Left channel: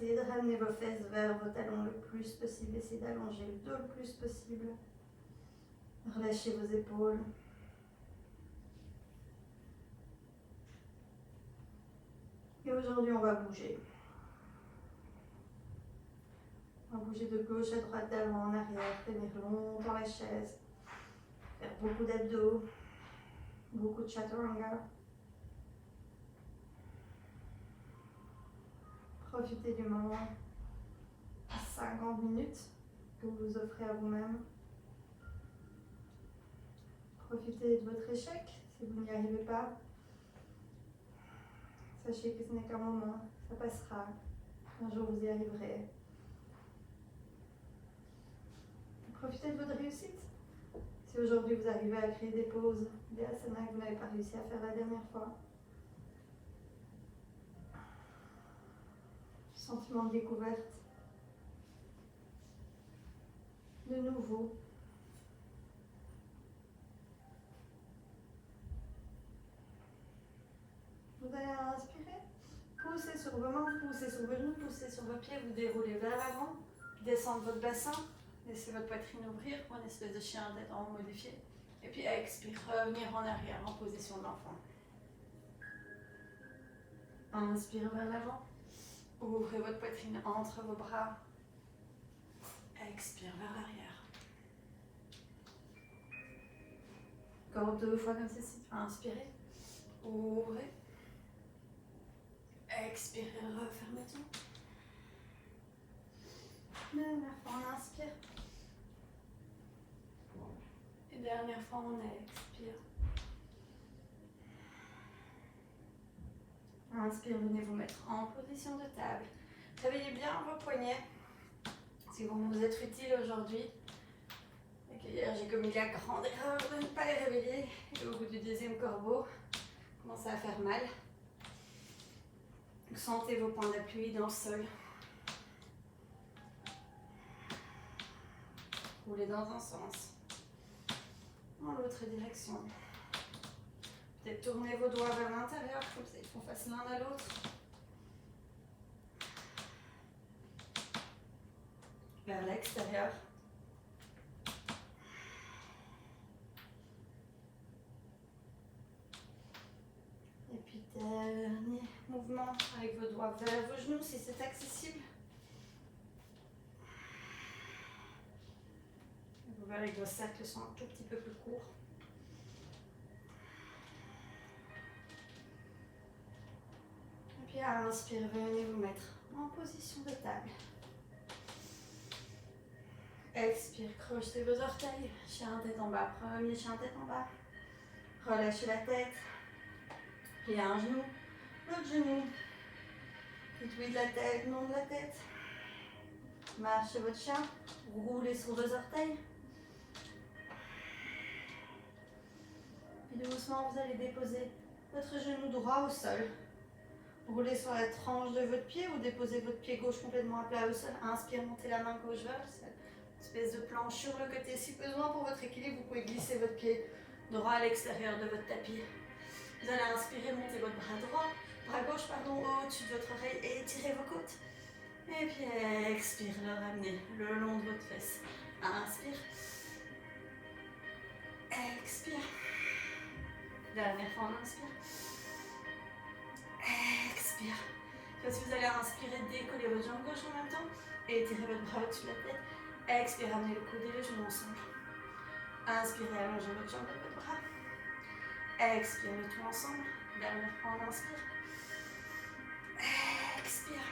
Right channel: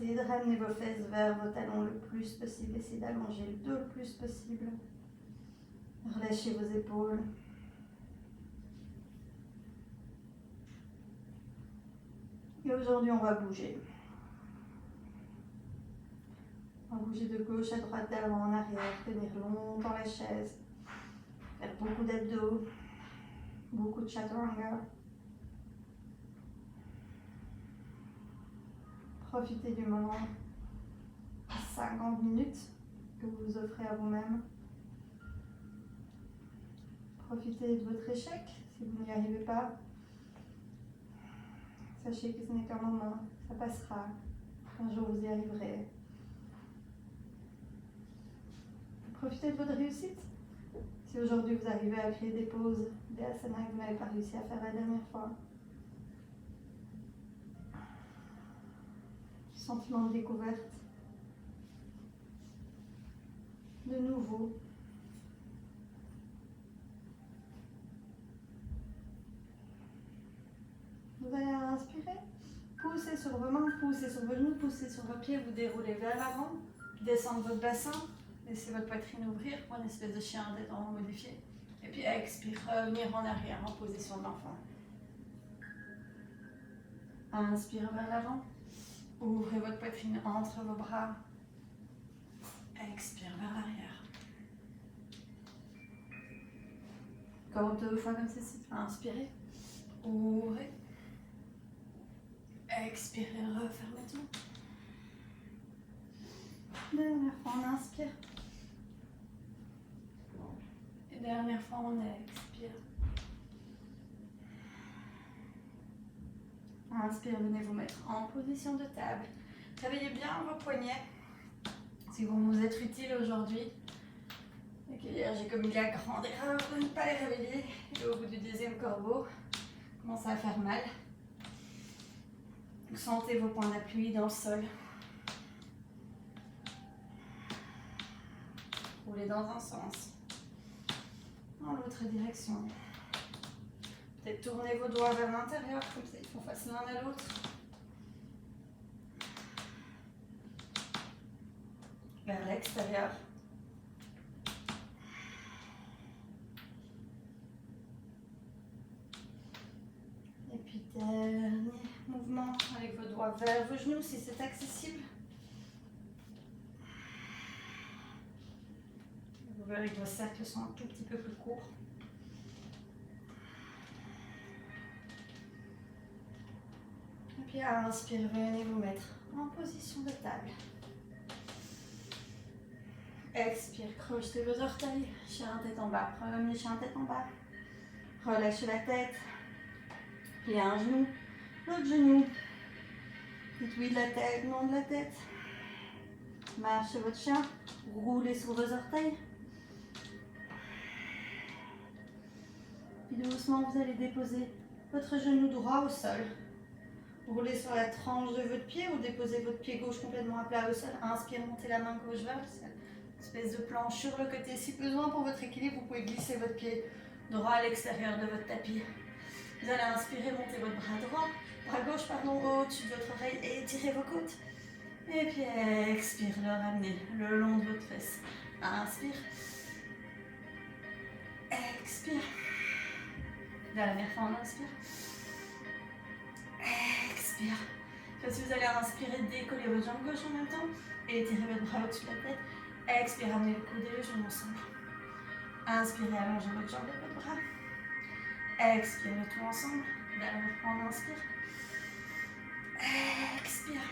Essayez de ramener vos fesses vers vos talons le plus possible. Essayez d'allonger le dos le plus possible. Relâchez vos épaules. Et aujourd'hui, on va bouger. On va bouger de gauche à droite, d'avant en arrière, tenir longtemps la chaise, faire beaucoup d'abdos, beaucoup de chaturanga. Profitez du moment, 50 minutes que vous vous offrez à vous-même. Profitez de votre échec si vous n'y arrivez pas. Sachez que ce n'est qu'un moment, ça passera. Un jour vous y arriverez. Profitez de votre réussite. Si aujourd'hui vous arrivez à créer des pauses, des asanas que vous n'avez pas réussi à faire la dernière fois. Sentiment de découverte. De nouveau. Vous allez inspirer. Poussez sur vos mains, poussez sur vos genoux, poussez sur vos pieds, vous déroulez vers l'avant. Descendez votre bassin. Laissez votre poitrine ouvrir pour une espèce de chien en tête en haut modifié. Et puis expire, revenir en arrière en position d'enfant. Inspire vers l'avant. Ouvrez votre poitrine entre vos bras. Expire vers l'arrière. Encore 2 fois comme ceci. Inspirez. Ouvrez. Expirez, refermez tout. Dernière fois, on inspire. Et dernière fois, on expire. Inspire, venez vous mettre en position de table. Réveillez bien vos poignets. Si vous vous êtes utile aujourd'hui. Hier, j'ai commis la grande erreur de ne pas les réveiller. Et au bout du 10e corbeau, commence à faire mal. Vous sentez vos points d'appui dans le sol. Roulez dans un sens, dans l'autre direction. Peut-être tournez vos doigts vers l'intérieur, comme ça ils font face l'un à l'autre. Vers l'extérieur. Et puis dernier mouvement avec vos doigts vers vos genoux si c'est accessible. Vous verrez que vos cercles sont un tout petit peu plus courts. Et puis à inspirer, venez vous mettre en position de table. Expire, crochetez vos orteils, chien tête en bas, premier chien tête en bas. Relâchez la tête, puis un genou, l'autre genou. Dites oui de la tête, non de la tête. Marchez votre chien, roulez sur vos orteils. Puis doucement, vous allez déposer votre genou droit au sol. Roulez sur la tranche de votre pied ou déposez votre pied gauche complètement à plat au sol. Inspire, montez la main gauche vers le sol. Espèce de planche sur le côté. Si besoin pour votre équilibre, vous pouvez glisser votre pied droit à l'extérieur de votre tapis. Vous allez inspirer, montez votre bras gauche au-dessus de votre oreille et étirez vos côtes. Et puis expire, le ramener le long de votre fesse. Inspire. Expire. Dernière fois, on inspire. Expire. Si vous allez inspirer, décollez votre jambe gauche en même temps et étirez votre bras au-dessus de la tête. Expirez, ramenez le coude et les genoux ensemble. Inspirez, allongez votre jambe et votre bras. Expirez tout ensemble. Dernière fois, on inspire. Expire.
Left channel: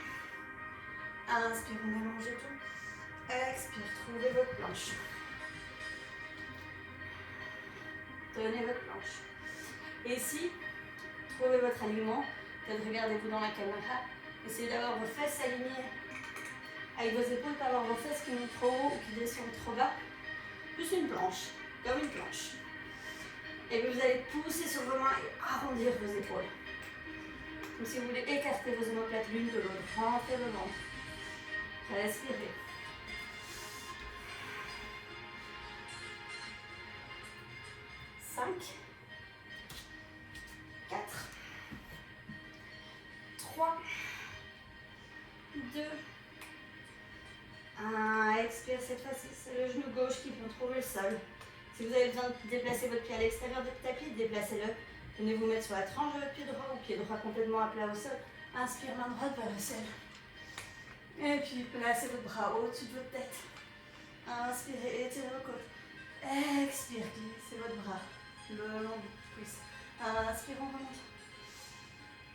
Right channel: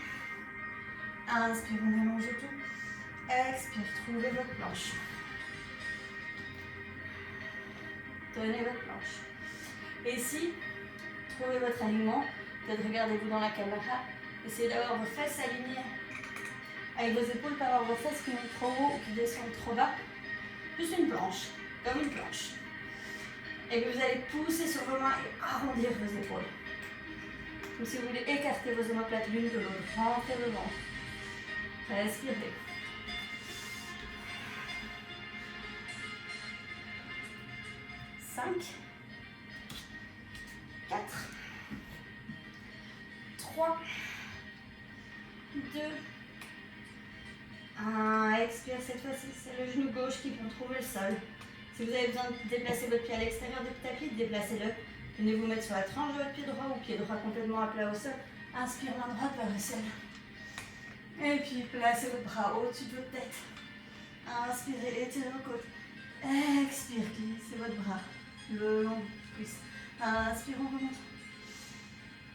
Inspire, on allonge tout. Expire, trouvez votre planche. Tenez votre planche. Et ici, trouvez votre alignement. Peut-être regardez-vous dans la caméra. Essayez d'avoir vos fesses alignées avec vos épaules, pas avoir vos fesses qui montent trop haut ou qui descendent trop bas. Juste une planche, comme une planche. Et vous allez pousser sur vos mains et arrondir vos épaules. Comme si vous voulez écarter vos omoplates l'une de l'autre. Rentrez devant. Respirez. Cinq, 4, 3, 2, 2. 1, expire, cette fois-ci, c'est le genou gauche qui vont trouver le sol. Si vous avez besoin de déplacer votre pied à l'extérieur du tapis, déplacez-le. Venez vous mettre sur la tranche de votre pied droit ou pied droit complètement à plat au sol. Inspire, main droite vers le sol. Et puis placez votre bras au-dessus de votre tête. Inspirez, étirez vos côtes. Expire, glissez votre bras le long du cuisse. Inspire, on remonte.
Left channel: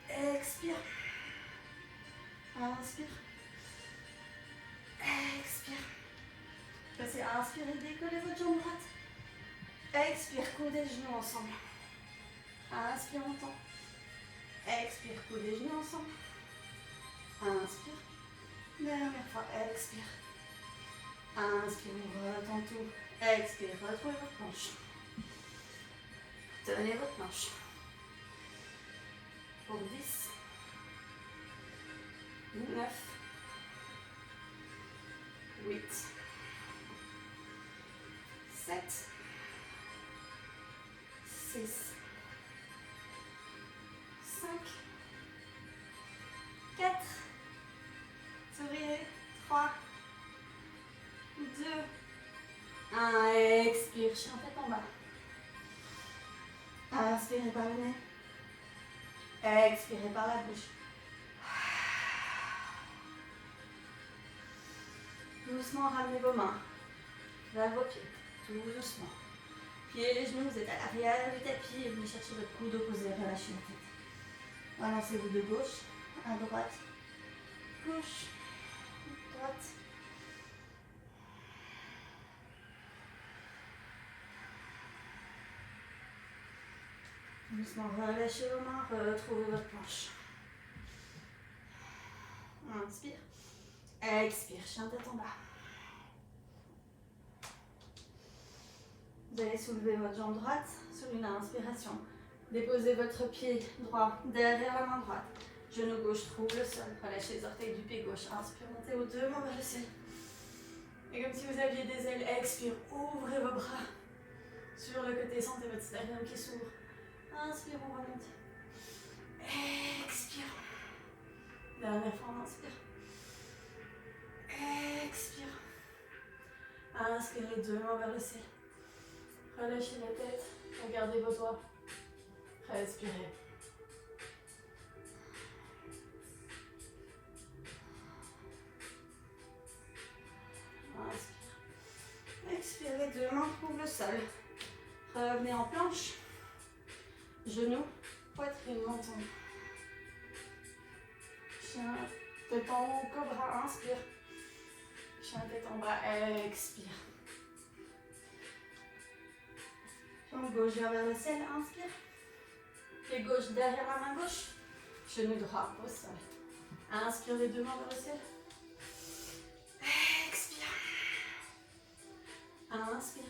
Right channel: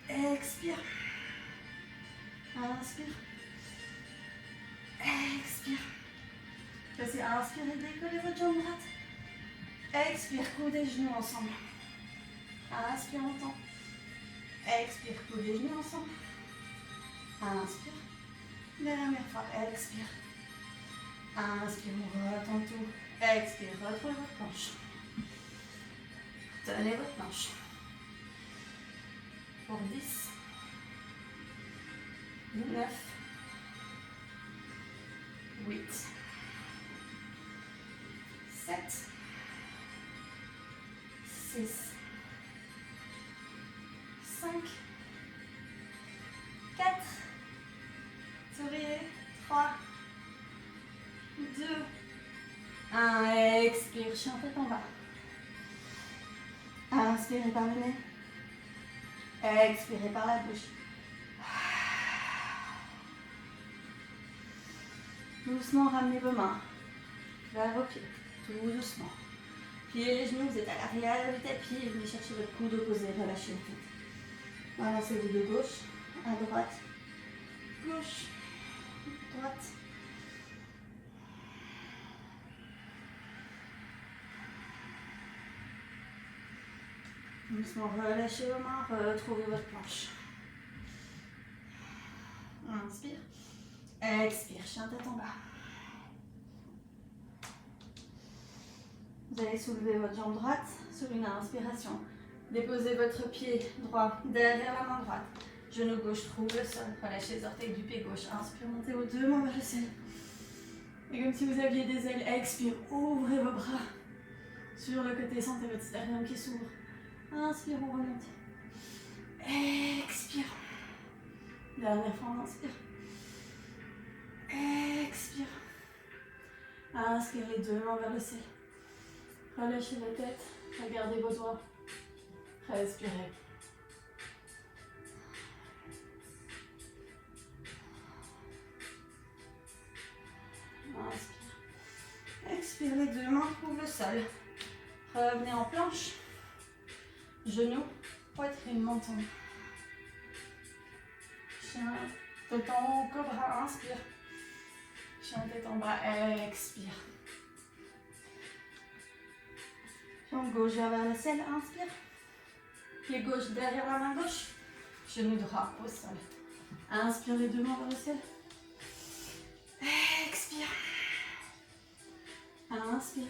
Expire. Inspire. Expire. Passez, inspirez, décollez votre jambe droite. Expire, coude et genoux ensemble. Inspire, montant. Expire, coude et genoux ensemble. Inspire. Dernière fois, expire. Inspire, retenez tout. Expire, retrouvez votre planche. Tenez votre planche. Pour 10, 9, 8, 7, 6, 5, 4, souriez, 3, 2, 1, expire, chien tête en bas. Inspirez par le nez. Expirez par la bouche. Doucement, ramenez vos mains vers vos pieds, tout doucement. Pliez les genoux, vous êtes à l'arrière du tapis et venez chercher votre coude opposé, relâchez la tête. Balancez-vous de gauche à droite, gauche, droite. Doucement, relâchez vos mains, retrouvez votre planche. Inspire. Expire, chien tête en bas. Vous allez soulever votre jambe droite sur une inspiration. Déposez votre pied droit derrière la main droite. Genou gauche trouve le sol. Relâchez les orteils du pied gauche. Inspire, montez vos deux mains vers le ciel. Et comme si vous aviez des ailes, expire, ouvrez vos bras sur le côté. Sentez votre sternum qui s'ouvre. Inspire, on remonte. Expire. Dernière fois, on inspire. Expire. Inspire les deux mains vers le ciel. Relâchez la tête. Regardez vos doigts. Respirez. Inspire. Expire, les deux mains trouvent le sol. Revenez en planche. Genoux, poitrine, menton. Chien, tête en haut, cobra, inspire. Chien, tête en bas, expire. Jambe gauche vers le ciel, inspire. Pied gauche derrière la main gauche. Genou droit au sol. Inspire les deux mains vers le ciel. Expire. Inspire.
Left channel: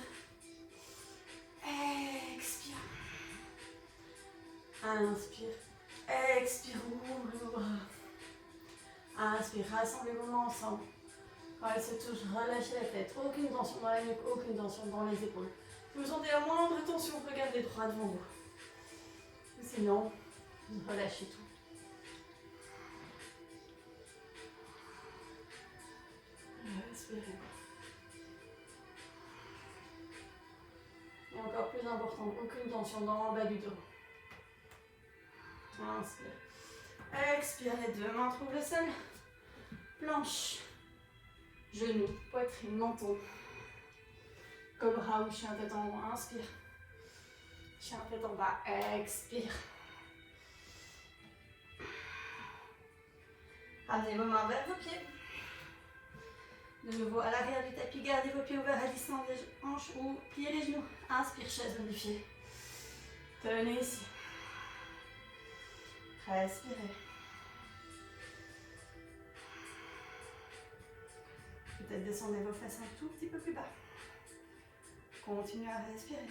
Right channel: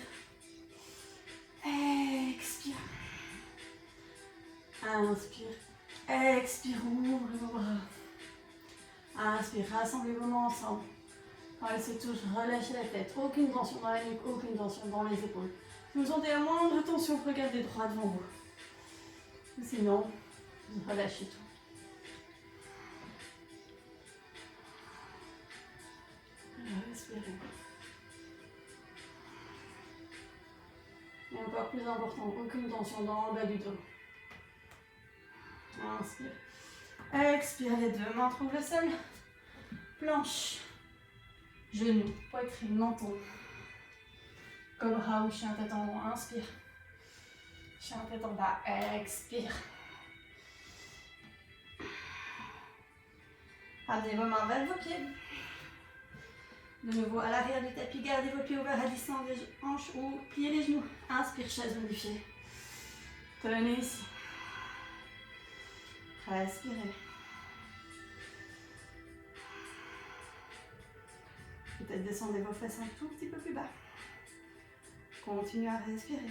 Expire. Inspire. Expire, ouvre vos bras. Inspire, rassemblez vos mains ensemble. Quand elles se touchent, relâchez la tête. Aucune tension dans la nuque, aucune tension dans les épaules. Si vous sentez la moindre tension, regardez droit devant vous. Sinon, relâchez tout. Respirez. Et encore plus important, aucune tension dans le bas du dos. Inspire. Expire, les deux mains trouvent le sol. Planche. Genoux, poitrine, menton. Cobra ou chien tête en haut, inspire. Chien tête en bas, expire. Ramenez vos mains vers vos pieds. De nouveau à l'arrière du tapis, gardez vos pieds ouverts à distance des hanches ou pliez les genoux. Inspire, chaise modifiée. Tenez ici. Respirez. Peut-être descendez vos fesses un tout petit peu plus bas. Continuez à respirer.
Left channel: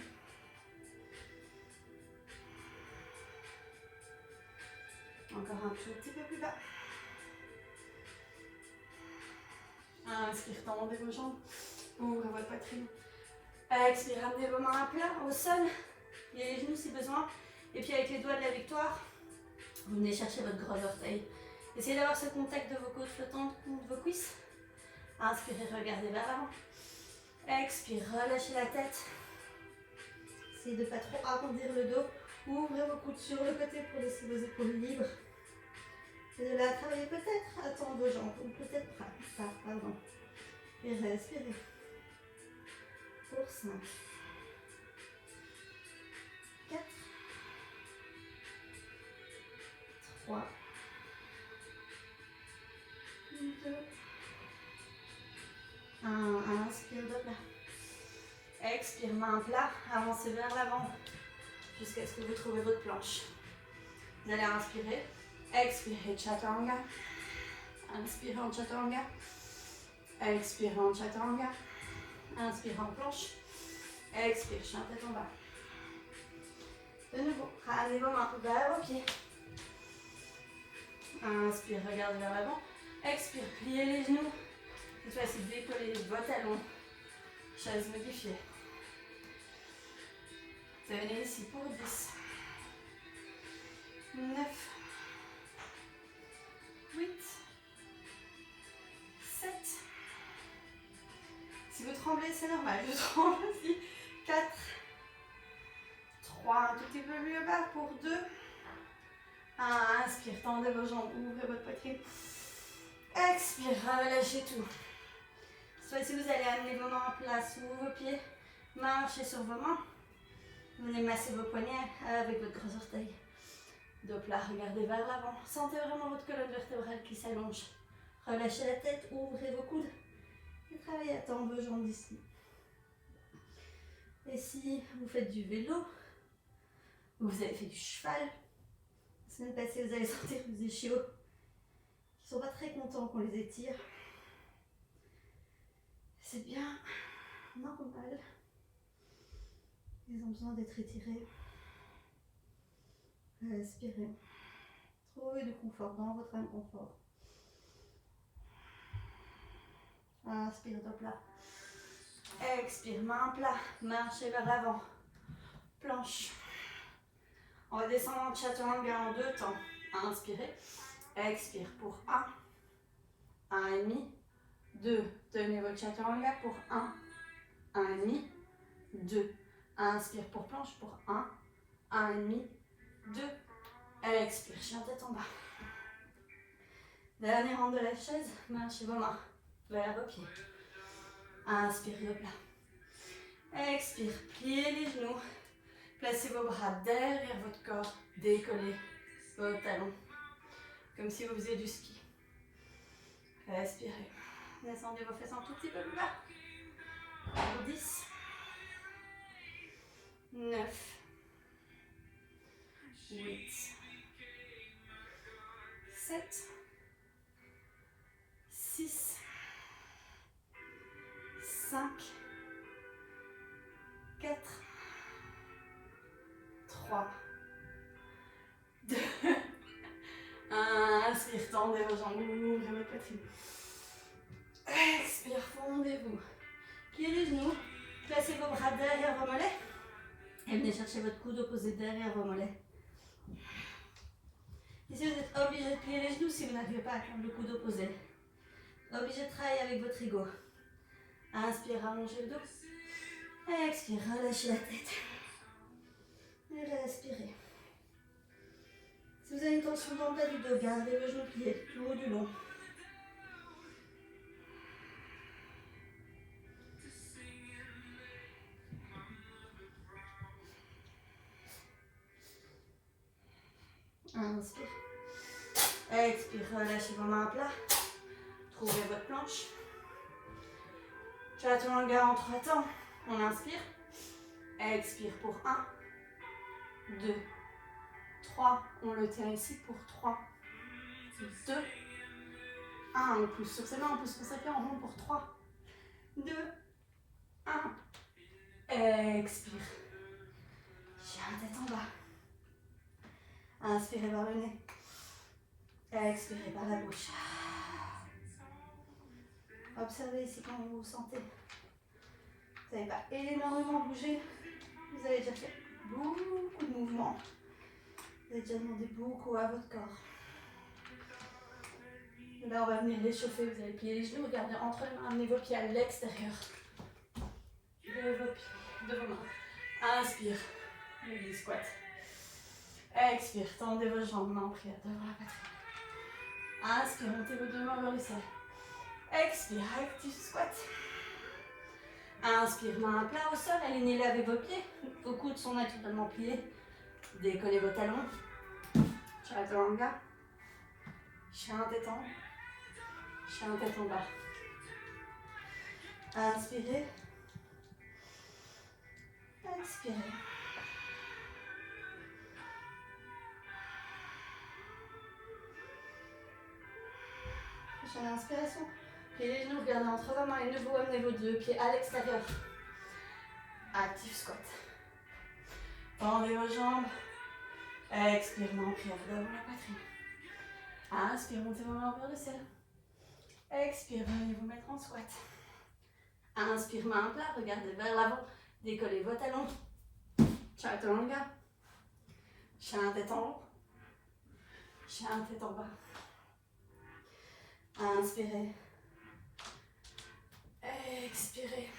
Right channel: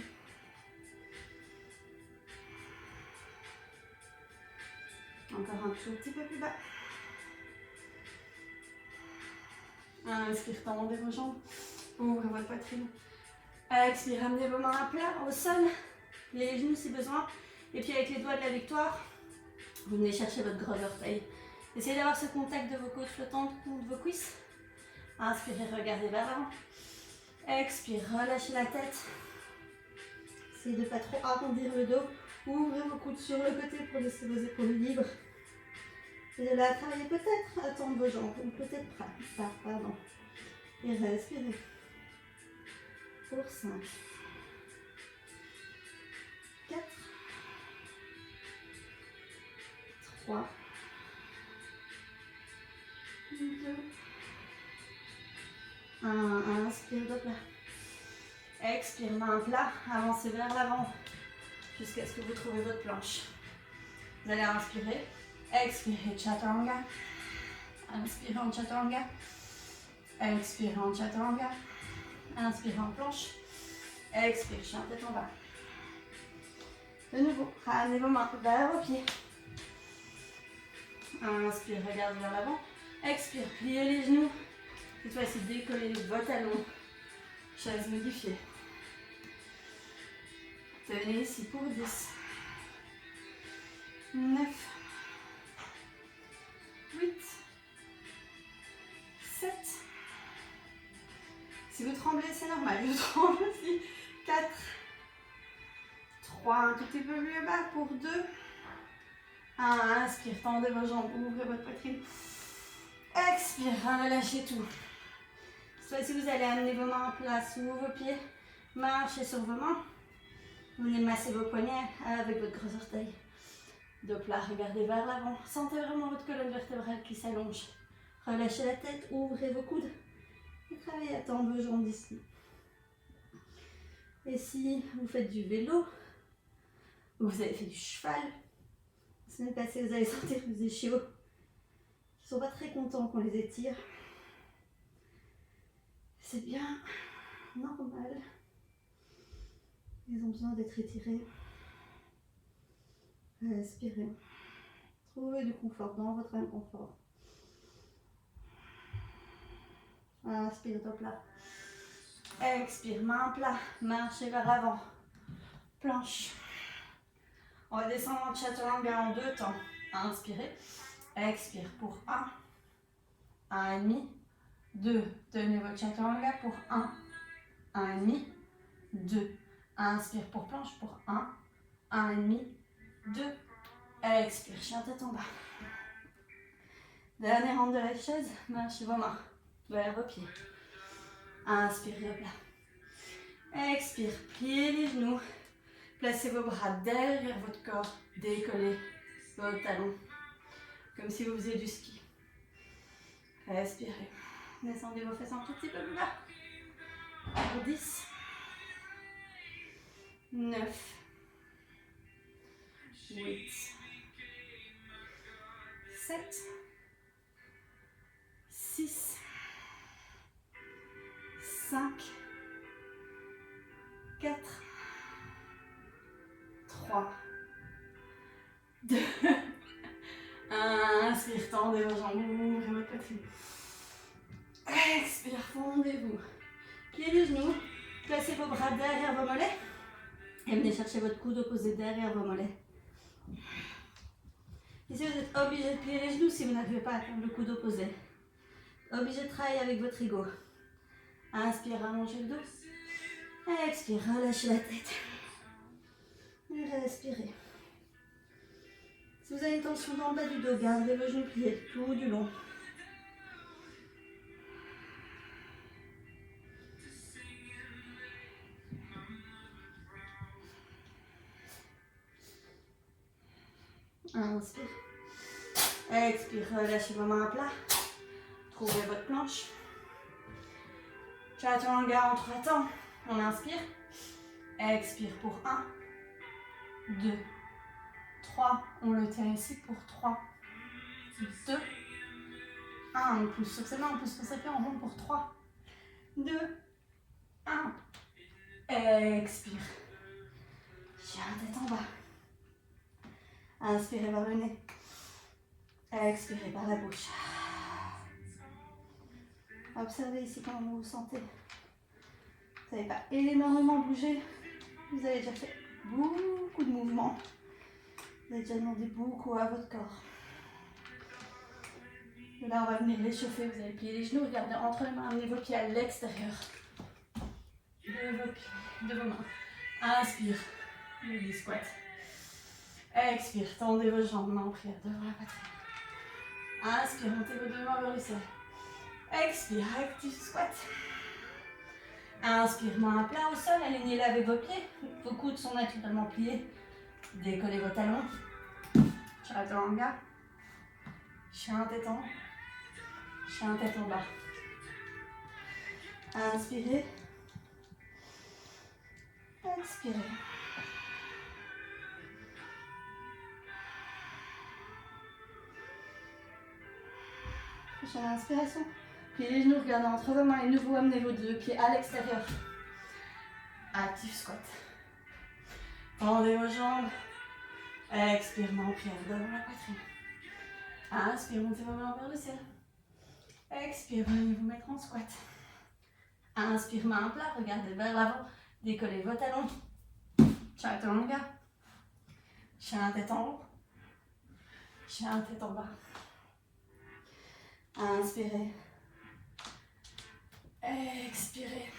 Encore un tout petit peu plus bas. Inspire, tendez vos jambes. Ouvrez votre poitrine. Expire, ramenez vos mains à plat au sol. Les genoux si besoin. Et puis avec les doigts de la victoire, vous venez chercher votre gros orteil. Essayez d'avoir ce contact de vos côtes flottantes contre vos cuisses. Inspirez, regardez vers l'avant. Expire, relâchez la tête. Essayez de ne pas trop arrondir le dos. Ouvrez vos coudes sur le côté pour laisser vos épaules libres. Et de là, travaillez peut-être à tendre vos jambes, ou peut-être pas, pardon. Et respirez. Pour 5, 4, 3, 2, 1. Inspire de plat. Expire, main plat, avancez vers l'avant jusqu'à ce que vous trouviez votre planche. Vous allez inspirer, expirez Chaturanga, inspirez en Chaturanga, expirez en Chaturanga, inspirez en planche, expire, chien tête en bas. De nouveau, ramenez vos mains vers vos pieds. Inspire, regardez vers l'avant, expire, pliez les genoux. Cette fois-ci, décollez vos talons, chaise modifiée. Venez ici pour 10, 9, 8, 7. Si vous tremblez, c'est normal. Je tremble aussi. 4, 3, un tout petit peu plus bas pour 2. 1, inspire, tendez vos jambes, ouvrez votre poitrine. Expire, relâchez tout. Cette fois-ci, vous allez amener vos mains en place sous vos pieds. Marchez sur vos mains. Venez masser vos poignets avec votre gros orteil. Dos plat, regardez vers l'avant. Sentez vraiment votre colonne vertébrale qui s'allonge. Relâchez la tête, ouvrez vos coudes. Et travaillez à tendre vos jambes d'ici. Et si vous faites du vélo, ou vous avez fait du cheval, la semaine passée, vous allez sentir vos ischios qui ne sont pas très contents qu'on les étire. C'est bien normal. Ils ont besoin d'être étirés. Respirez. Trouvez du confort dans votre inconfort. Inspire, dos plat. Expire, main plat. Marchez vers l'avant. Planche. On va descendre en Chaturanga en 2 temps. Inspirez. Expire pour 1. 1,5. 2. Tenez votre Chaturanga pour 1. 1,5. 2. Inspire pour planche pour 1, 1,5, 2. Expire, chien tête en bas. Dernier rang de la chaise, marchez vos mains vers vos pieds. Inspire, le plat. Expire, pliez les genoux. Placez vos bras derrière votre corps. Décollez vos talons. Comme si vous faisiez du ski. Respirez. Descendez vos fesses un tout petit peu plus bas. Pour 10. 9, 8, 7, 6, 5, 4, 3, 2, 1. Inspire, tendez vos jambes, ouvrez votre poitrine. Expire, fondez-vous. Pliez les genoux, placez vos bras derrière vos mollets. Et venez chercher votre coude opposé derrière vos mollets. Ici, vous êtes obligé de plier les genoux si vous n'arrivez pas à atteindre le coude opposé. Obligé de travailler avec votre ego. Inspire, allongez le dos. Expire, relâchez la tête. Et respirez. Si vous avez une tension dans le bas du dos, gardez vos genoux pliés tout du long. Inspire. Expire, relâchez vos mains à plat. Trouvez votre planche. Chaturanga en 3 temps. On inspire. Expire pour 1, 2, 3. On le tient ici pour 3, 2, 1. On pousse sur ses mains, on pousse sur ses pieds, on monte pour 3, 2, 1. Expire. Chien tête en bas. Inspirez par le nez. Expirez par la bouche. Observez ici comment vous vous sentez. Vous n'avez pas énormément bougé. Vous avez déjà fait beaucoup de mouvements. Vous avez déjà demandé beaucoup à votre corps. Là, on va venir l'échauffer. Vous allez plier les genoux. Regardez entre les mains. Amenez vos pieds à l'extérieur de vos mains. Inspire. Le squat. Expire. Tendez vos jambes. Main en prière devant la poitrine. Inspire. Montez vos deux mains vers le ciel. Expire. Active squat. Inspire. Main à plat au sol. Alignez-les avec vos pieds. Vos coudes sont naturellement pliés. Décollez vos talons. Chaturanga. Chien tête en haut. Chien tête en bas. Inspirez. Expirez. Prochaine inspiration. Pliez les genoux, regardez entre vos mains et nouveau amenez vos deux pieds à l'extérieur. Active squat. Tendez vos jambes. Expire, main en prière devant la poitrine. Inspire, montez vos mains vers le ciel. Expire, venez vous mettre en squat. Inspire, main plat, regardez vers l'avant. Décollez vos talons. Chaturanga. Chien tête en haut. Chien tête en bas. Inspirez. Expirez.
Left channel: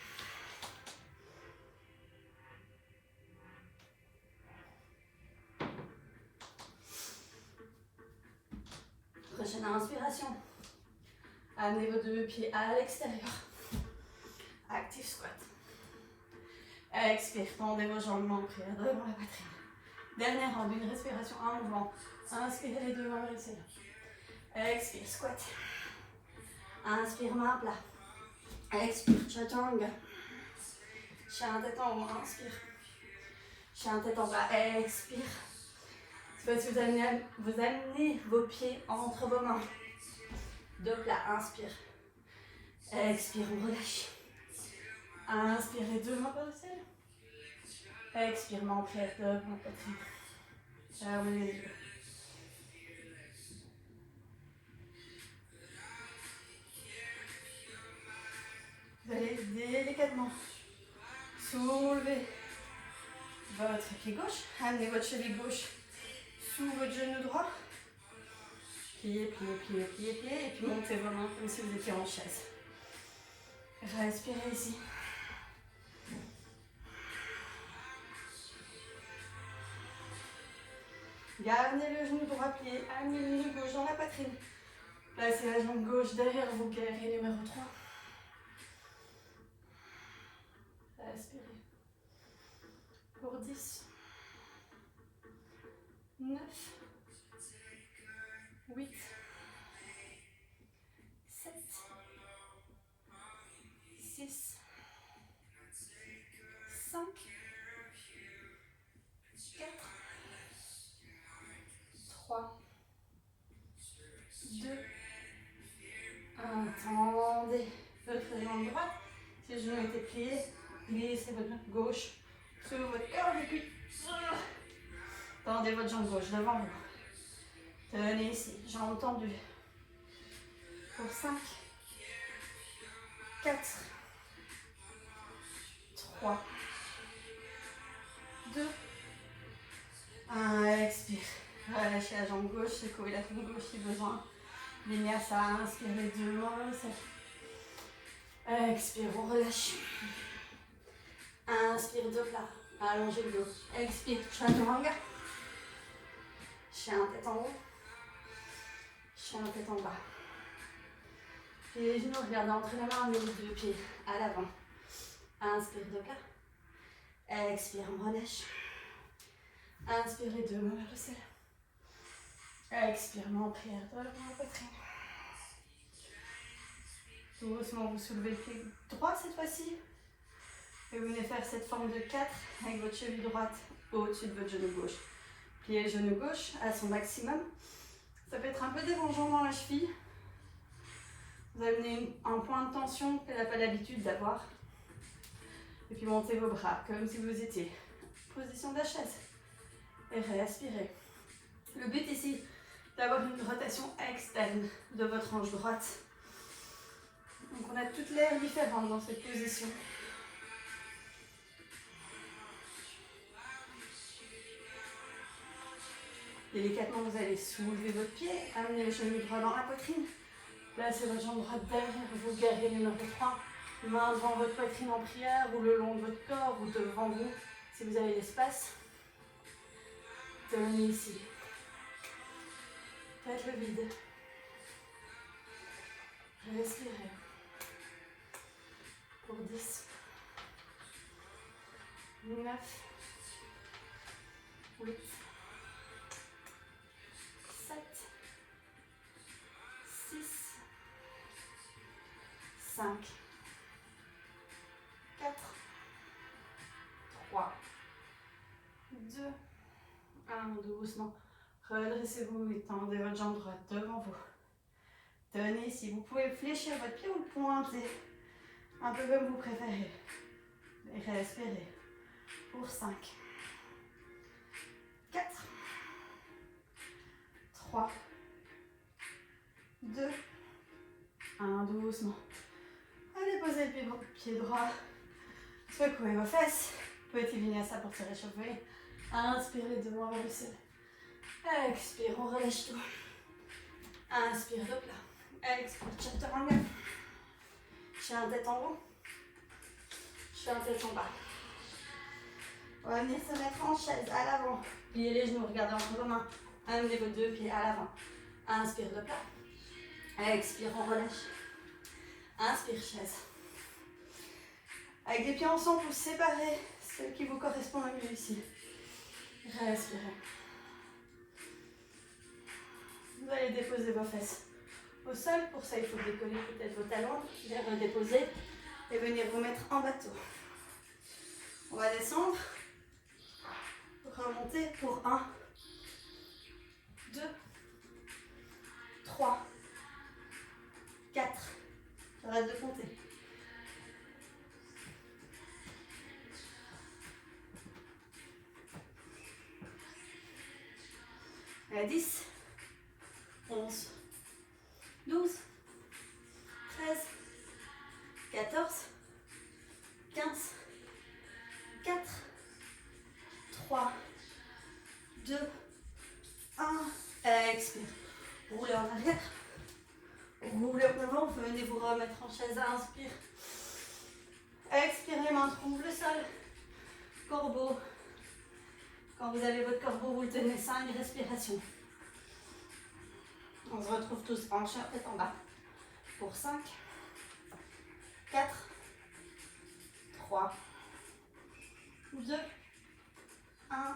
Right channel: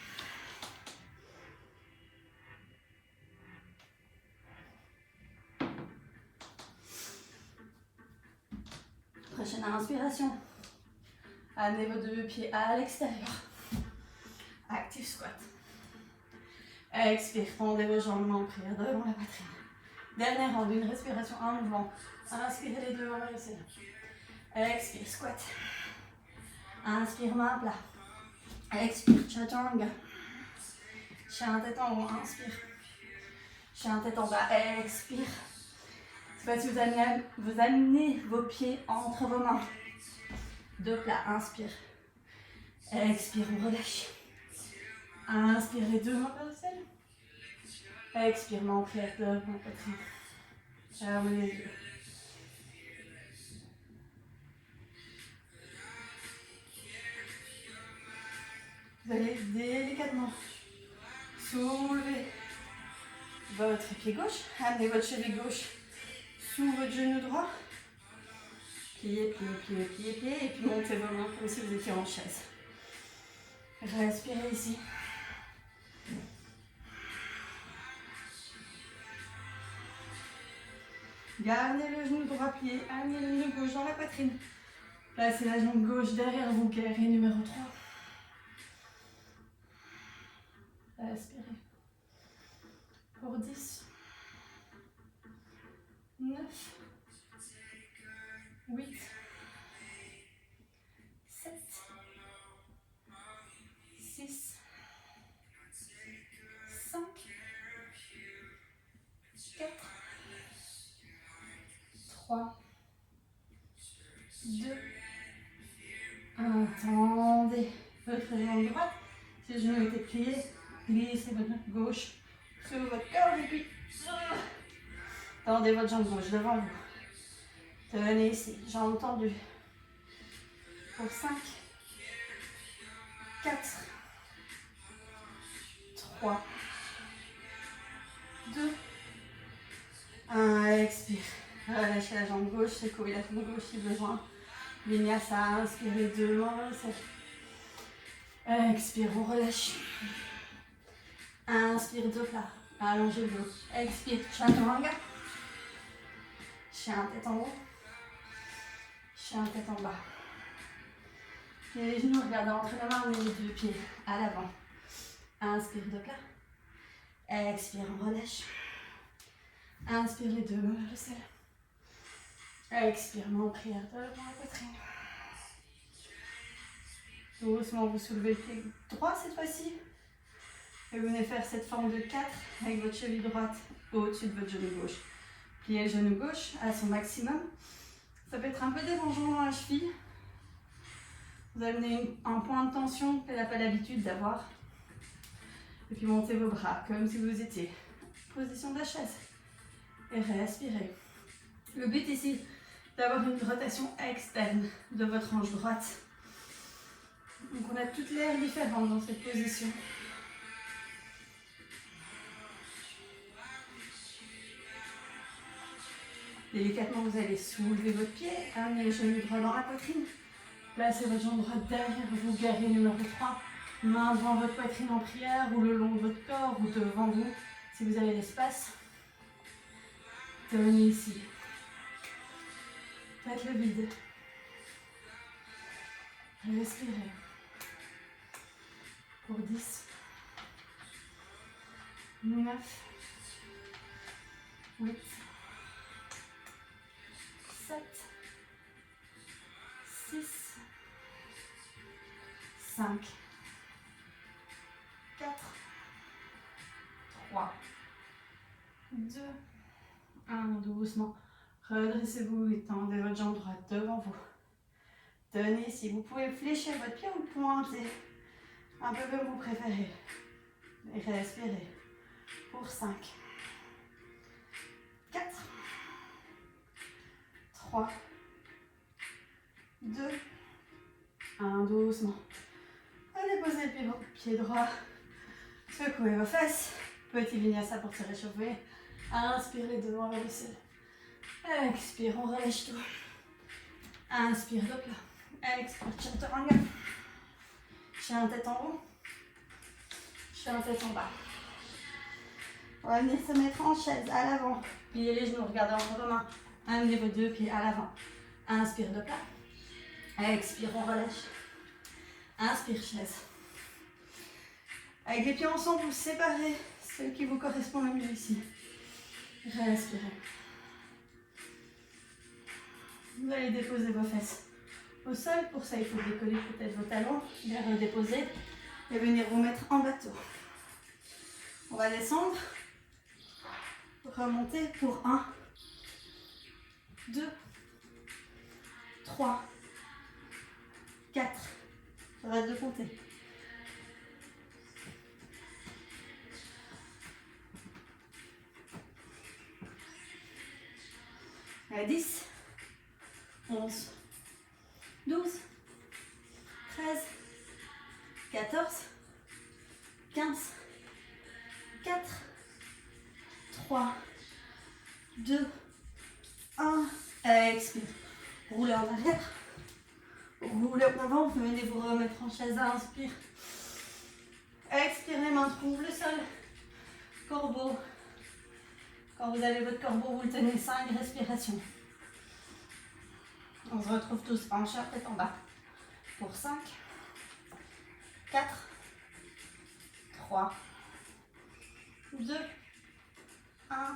Prochaine inspiration. Amenez vos deux pieds à l'extérieur. Active squat. Expire, tendez vos jambes en prière devant la poitrine. Dernière ronde, une respiration en mouvement. Inspirez les deux vers le ciel. Expire, squat. Inspire, main plat. Expire, chaturanga. Chien tête en haut, inspire. Chien tête en bas, expire. Cette fois-ci, vous amenez vos pieds entre vos mains. Deux plats, inspire. Expire, on relâche. Inspirez deux mains vers le ciel. Expire, main en prière devant la poitrine. Fermez les yeux. Vous allez délicatement soulever votre pied gauche. Amenez votre cheville gauche sous votre genou droit. Pliez, pliez, pliez, pliez, pliez. Et puis montez vos mains comme si vous étiez en chaise. Respirez ici. Gardez le genou droit plié. Amenez le genou gauche dans la poitrine. Placez la jambe gauche derrière vous, guerrier numéro 3. Respirez. Pour 10, 9, 8, 7, 6, 5, 4, 3, 2, 1. Tendez votre jambe droite. Si le genou était plié, glissez votre jambe gauche sur votre corde et puis tendez votre jambe gauche devant vous. Tenez ici, jambes tendues. Pour 5, 4, 3, 2, 1. Expire. Relâchez la jambe gauche, secouez la jambe gauche si besoin. Vinyasa, inspirez deux mains vers le ciel. Expire, on relâche. Inspire, deux plats. Allongez le dos. Expire, chaturanga. Chien tête en haut. Chien tête en bas. Pliez les genoux, regardez entre les mains, mettez les deux pieds à l'avant. Inspire, deux plats. Expire, on relâche. Inspire les deux mains vers le ciel. Expire, main en prière devant la poitrine. Doucement, vous soulevez le pied droit cette fois-ci. Et vous venez faire cette forme de 4 avec votre cheville droite au-dessus de votre genou gauche. Pliez le genou gauche à son maximum. Ça peut être un peu dérangeant dans la cheville. Vous allez donner un point de tension qu'elle n'a pas l'habitude d'avoir. Et puis montez vos bras comme si vous étiez en position de la chaise. Et respirez. Le but ici, d'avoir une rotation externe de votre hanche droite. Donc on a toutes les airs différentes dans cette position. Délicatement, vous allez soulever votre pied, amener le genou droit dans la poitrine, Placez votre jambe droite derrière vous, guerrier numéro 3. Main devant votre poitrine en prière ou le long de votre corps ou devant vous si vous avez l'espace. Tenez ici. Faites le vide. Respirez. Pour 10, 9, 8, 7, 6, 5, 4, 3, 2, 1. Doucement. Redressez-vous et tendez votre jambe droite devant vous. Tenez ici. Vous pouvez fléchir votre pied ou le pointer. Un peu comme vous préférez. Et respirez. Pour 5, 4, 3, 2, 1. Doucement. Allez, posez le pied droit. Secouez vos fesses. Petit vinyasa pour se réchauffer. Inspire les deux mains vers le ciel. Expire, on relâche tout. Inspire, hop là. Expire, chaturanga. Chien tête en haut. Chien tête en bas. On va venir se mettre en chaise à l'avant. Pliez les genoux, regardez entre vos mains. Amenez vos deux pieds à l'avant. Inspire de plat. Expire, on relâche. Inspire, chaise. Avec les pieds ensemble, vous séparez ceux qui vous correspondent le mieux ici. Respirez. Vous allez déposer vos fesses au sol. Pour ça, il faut décoller peut-être vos talons, les redéposer et venir vous mettre en bateau. On va descendre, remonter pour 1, 2, 3, 4. Arrête de compter. 10, 11, 12, 13, 14, 15, 4, 3, 2, 1. Expire. Roulez en arrière. Roulez en avant. Venez vous remettre en chaise. Inspire. Expirez, main trouve le sol. Corbeau. Quand vous avez votre corbeau, vous le tenez 5 respirations. On se retrouve tous en chat, tête en bas. Pour 5, 4, 3, 2, 1.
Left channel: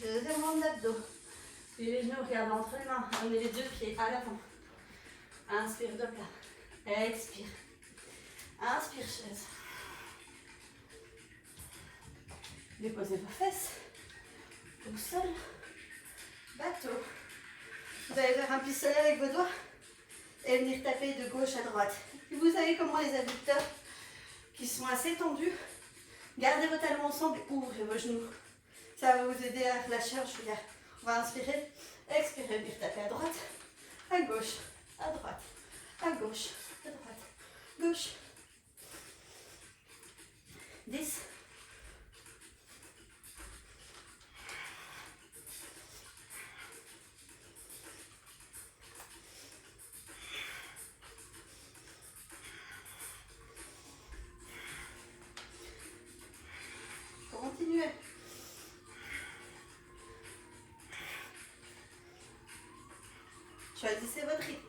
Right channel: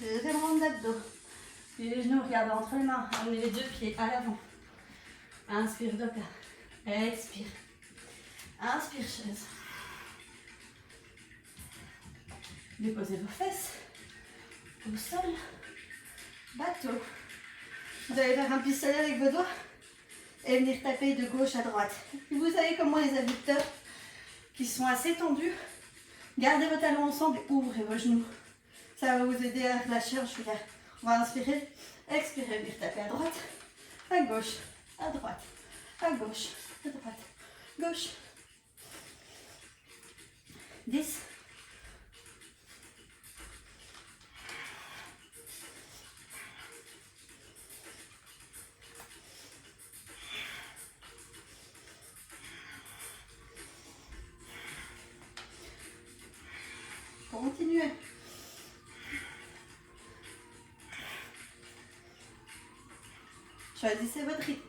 Deuxième rang d'abdos. Et les genoux, regardez entre les mains. Amenez les deux pieds à l'avant. Inspire de plat. Expire. Inspire, chaise. Déposez vos fesses. Au sol. Bateau. Vous allez faire un pistolet avec vos doigts et venir taper de gauche à droite. Et vous avez comme moi les adducteurs qui sont assez tendus. Gardez vos talons ensemble et ouvrez vos genoux. Ça va vous aider à relâcher un chouïa. On va inspirer, expirer, venir taper à droite, à gauche, à droite, à gauche, à droite, gauche. 10. Continuez. Choisissez votre rythme.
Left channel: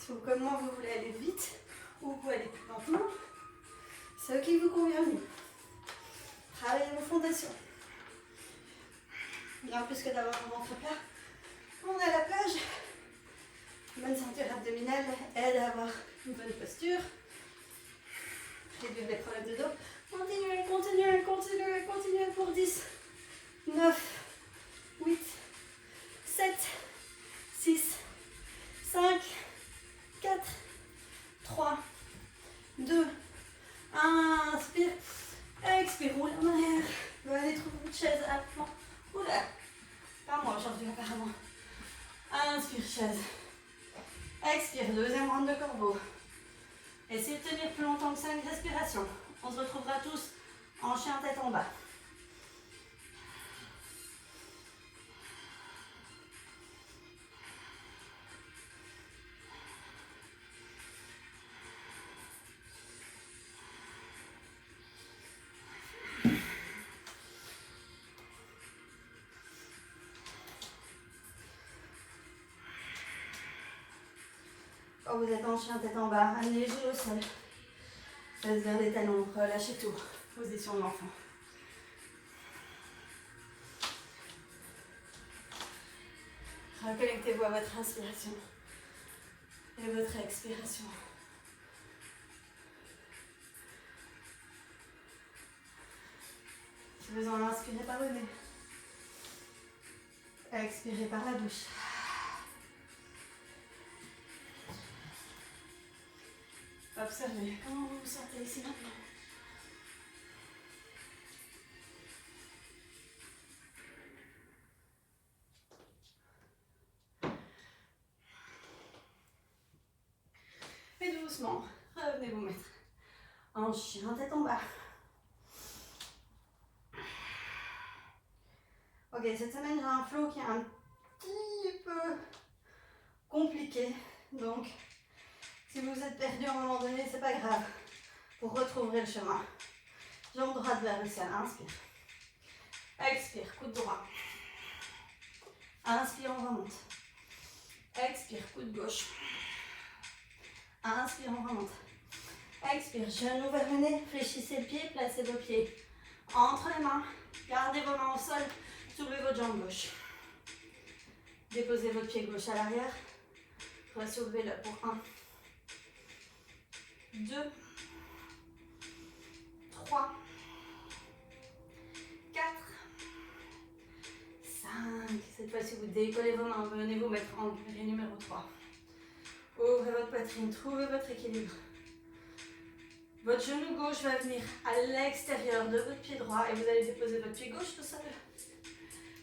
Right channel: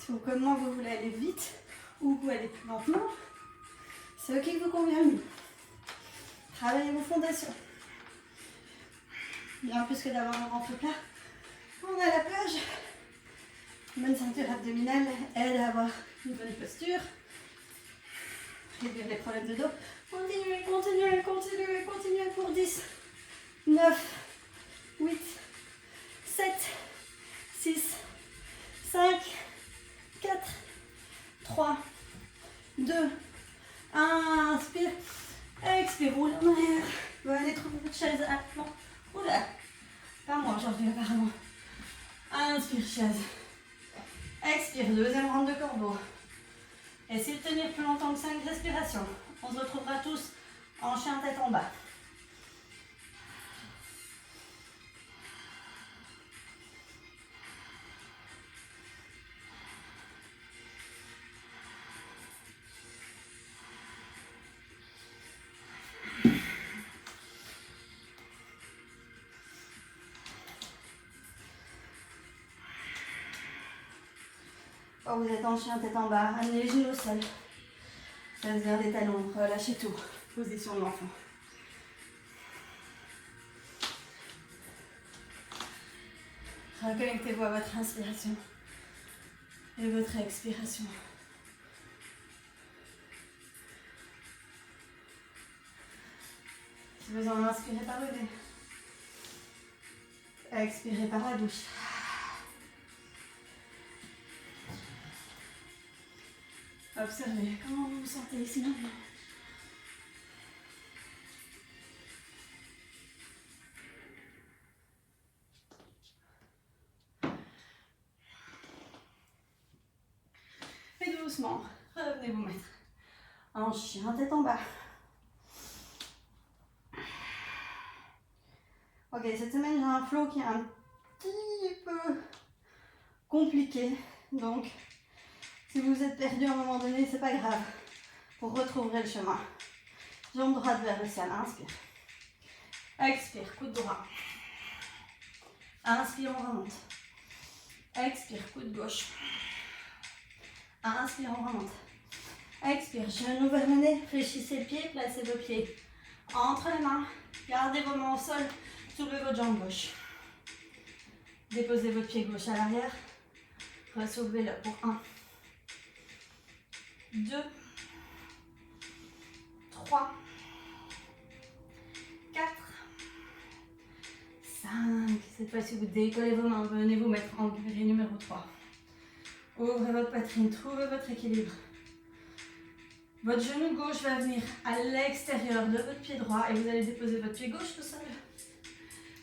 Si vous, comme moi, vous voulez aller vite ou vous pouvez aller plus lentement, c'est ce qui vous convient mieux. Travaillez vos fondations. Bien plus que d'avoir un ventre plat. Quand on est à la plage, une bonne ceinture abdominale aide à avoir une bonne posture. Réduire des problèmes de dos. Continuez, continuez, continuez, continuez pour 10, 9, 8, 7, 6, 5, 4, 3, 2, 1. Inspire. Expire. Roule en arrière. Venez trouver votre chaise à flanc. Oula. Pas moi, j'en reviens apparemment. Inspire, chaise. Expire. Deuxième rang de corbeau. Essayez de tenir plus longtemps que 5 respirations. On se retrouvera tous en chien tête en bas. Quand vous êtes en chien tête en bas, amenez les genoux au sol. Faites vers les talons, relâchez tout. Position de l'enfant. Reconnectez-vous à votre inspiration et votre expiration. Si besoin, inspirez par le nez. Expirez par la bouche. Observez comment vous vous sentez ici maintenant. Et doucement, revenez vous mettre en chien tête en bas. Ok, cette semaine j'ai un flow qui est un petit peu compliqué, donc si vous êtes perdu à un moment donné, c'est pas grave. Vous retrouverez le chemin. Jambe droite vers le ciel, inspire. Expire, coude droit. Inspire, on remonte. Expire, coude gauche. Inspire, on remonte. Expire, genou vers le nez, fléchissez le pied, placez vos pieds entre les mains. Gardez vos mains au sol, soulevez votre jambe gauche. Déposez votre pied gauche à l'arrière. Ressoulevez-le pour 1, 2, 3, 4, 5. Cette fois-ci, vous décollez vos mains, venez vous mettre en pilier numéro 3. Ouvrez votre poitrine, trouvez votre équilibre. Votre genou gauche va venir à l'extérieur de votre pied droit et vous allez déposer votre pied gauche au sol.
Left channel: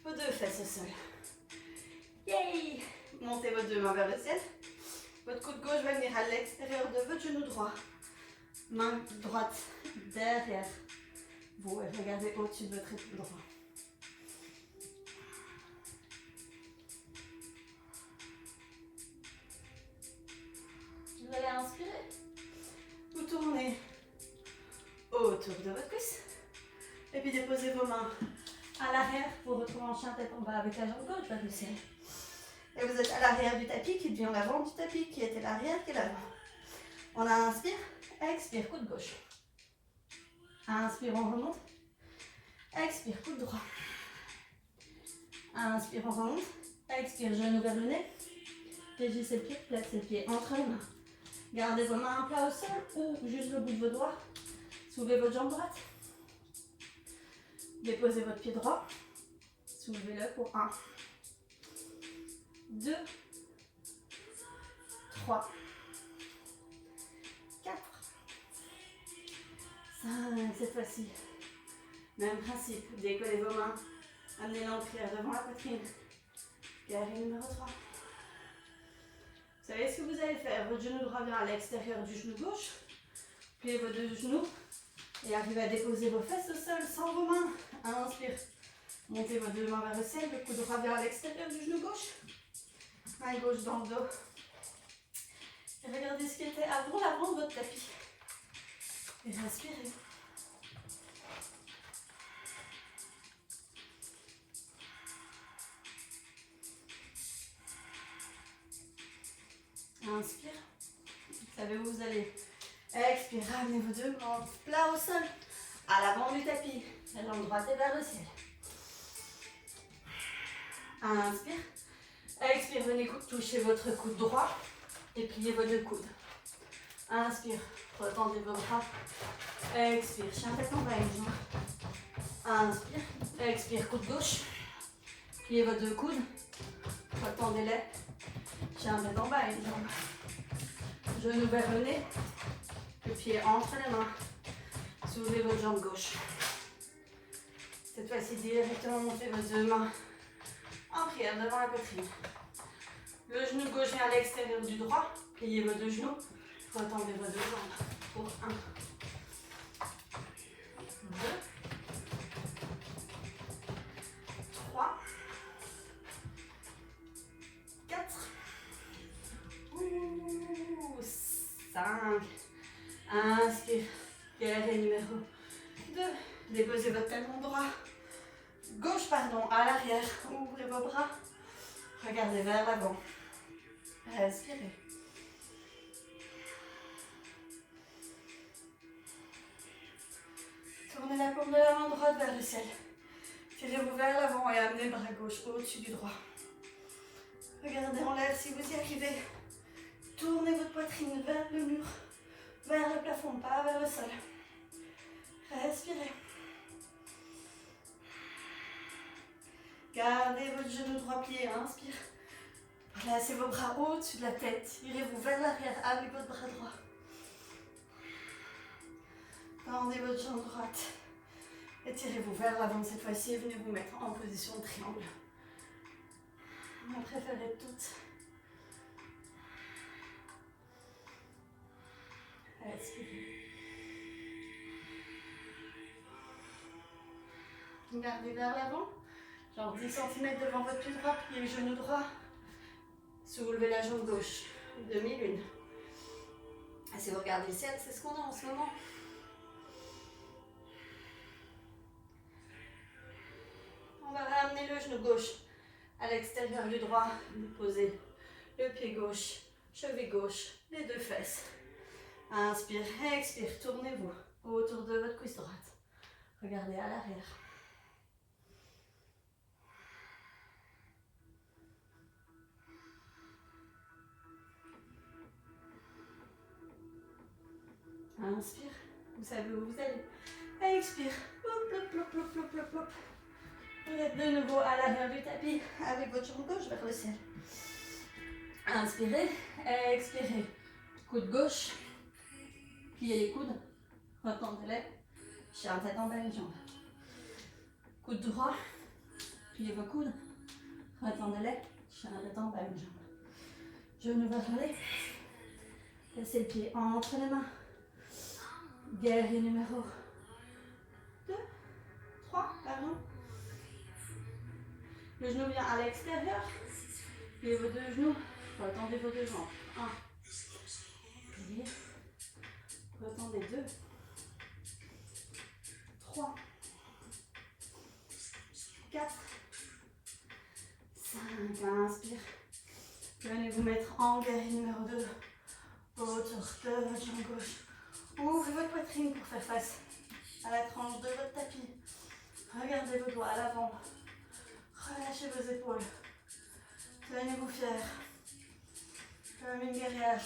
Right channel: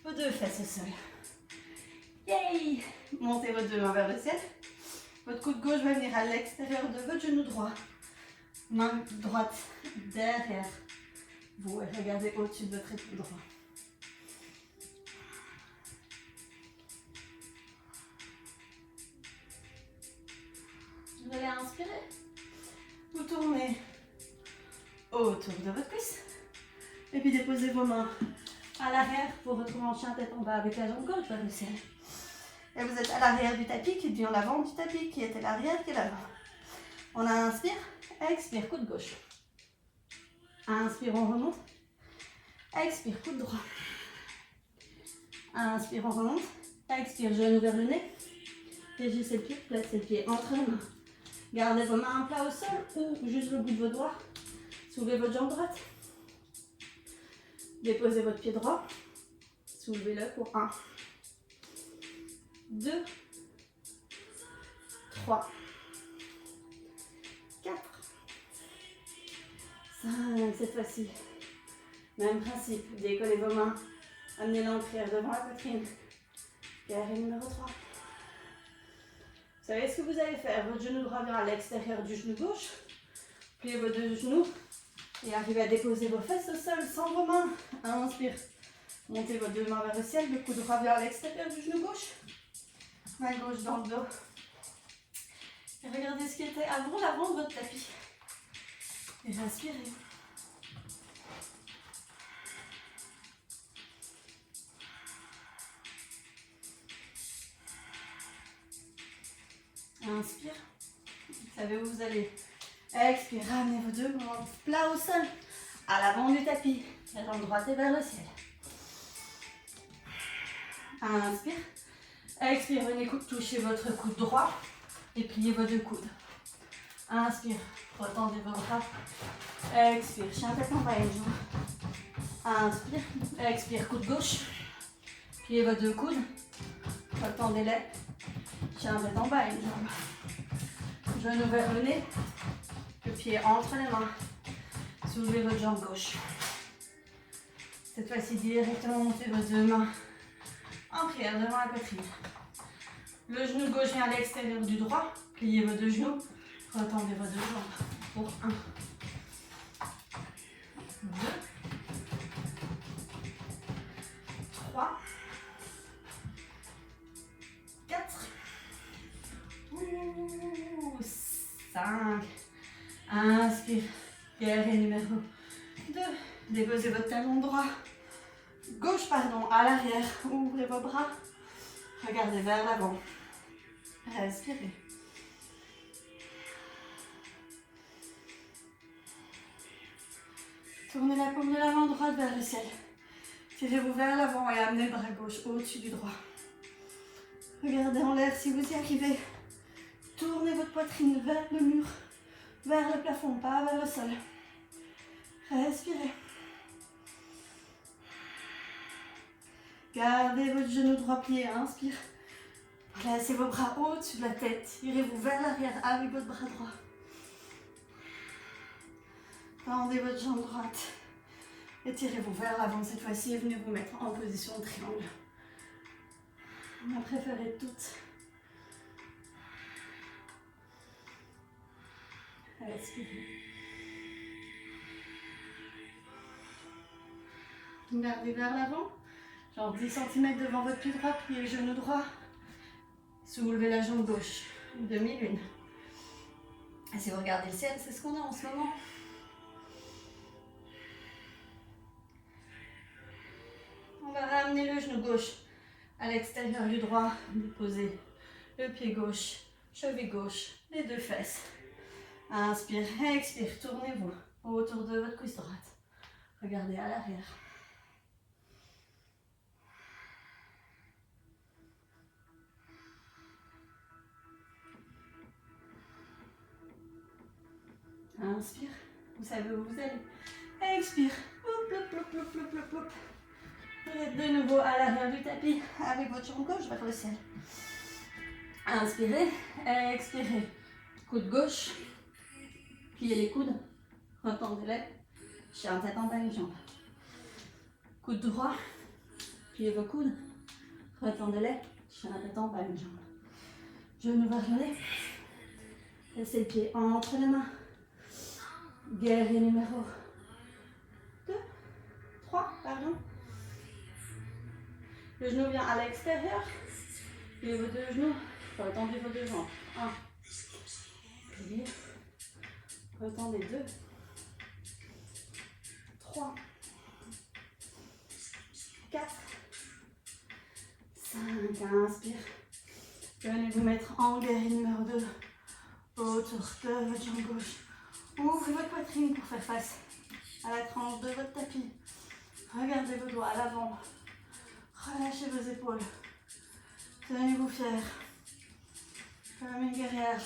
Vos deux fesses au sol. Yay! Montez vos deux mains vers le ciel. Votre coude gauche va venir à l'extérieur de votre genou droit. Main droite derrière vous et regardez au-dessus de votre épaule droite. Vous allez inspirer. Vous tournez autour de votre cuisse. Et puis déposez vos mains à l'arrière pour retrouver en chien tête en bas avec la jambe gauche vers le ciel. Et vous êtes à l'arrière du tapis qui devient l'avant du tapis qui était l'arrière qui est l'avant. On inspire, expire, coude gauche. Inspire, on remonte. Expire, coude droit. Inspire, on remonte. Expire, genou vers le nez. Fléchissez le pied, placez le pied entre les mains. Gardez vos mains à plat au sol ou juste le bout de vos doigts. Soulevez votre jambe droite. Déposez votre pied droit. Soulevez-le pour 1, 2, 3, 4, 5. Cette fois-ci, même principe. Décollez vos mains. Amenez l'encrière devant la poitrine. Carré numéro 3. Vous savez ce que vous allez faire? Votre genou droit vient à l'extérieur du genou gauche. Pliez vos deux genoux et arrivez à déposer vos fesses au sol sans vos mains. Inspire. Montez vos deux mains vers le ciel. Le coude droit vient à l'extérieur du genou gauche. Main gauche dans le dos. Et regardez ce qui était avant l'avant de votre tapis. Et respirez. Inspire. Vous savez où vous allez. Expire. Ramenez vos deux mains plat au sol. À l'avant du tapis. La jambe droite est vers le ciel. Inspire. Expire. Venez toucher votre coude droit. Et pliez vos deux coudes. Inspire. Retendez vos bras. Expire. Chien tête en bas, une jambe. Inspire. Expire. Coude gauche. Pliez vos deux coudes. Retendez-les. Chien tête en bas, une jambe. Genou vers le nez. Le pied entre les mains. Soulevez votre jambe gauche. Cette fois-ci, directement montez vos deux mains en prière devant la poitrine. Le genou gauche vient à l'extérieur du droit. Pliez vos deux genoux. Retendez vos deux jambes pour 1, 2, 3, 4, 5. Inspire. Guerrier numéro 2. Déposez votre talon droit. Gauche, pardon, à l'arrière. Ouvrez vos bras. Regardez vers l'avant. Respirez. Tournez la paume de la main droite vers le ciel. Tirez-vous vers l'avant et amenez le bras gauche au-dessus du droit. Regardez en l'air si vous y arrivez. Tournez votre poitrine vers le mur, vers le plafond, pas vers le sol. Respirez. Gardez votre genou droit plié, inspire. Placez vos bras au-dessus de la tête. Tirez-vous vers l'arrière avec votre bras droit. Tendez votre jambe droite. Et tirez-vous vers l'avant cette fois-ci. Venez vous mettre en position de triangle. Ma préférée toute. Respirez. Gardez vers l'avant. Genre 10 cm devant votre pied droit. Pliez le genou droit. Soulevez la jambe gauche. Demi-lune. Et si vous regardez le ciel, c'est ce qu'on a en ce moment. On va ramener le genou gauche à l'extérieur du droit. Posez le pied gauche, cheville gauche, les deux fesses. Inspire, expire, tournez-vous autour de votre cuisse droite. Regardez à l'arrière. Inspire, vous savez où vous allez. Expire, hop, hop, hop, hop, hop, hop, hop. Vous êtes de nouveau à l'arrière du tapis avec votre jambe gauche vers le ciel. Inspirez, expirez. Coude gauche, pliez les coudes, retendez-les. Chien tête en bas, une jambe. Coude droit, pliez vos coudes, retendez-les. Chien tête en bas, une jambe. Genou vers l'arrière. Placez le pied entre les mains. Guerrier numéro 2, 3, pardon. Le genou vient à l'extérieur. Pliez vos deux genoux. Retendez vos deux jambes. 1. Pliez. Retendez 2. 3. 4. 5. Inspire. Venez vous mettre en guerrier numéro 2. Autour de votre jambe gauche. Ouvrez votre poitrine pour faire face à la tranche de votre tapis. Regardez vos doigts à l'avant. Relâchez vos épaules. Tenez-vous fiers. Comme une guerrière.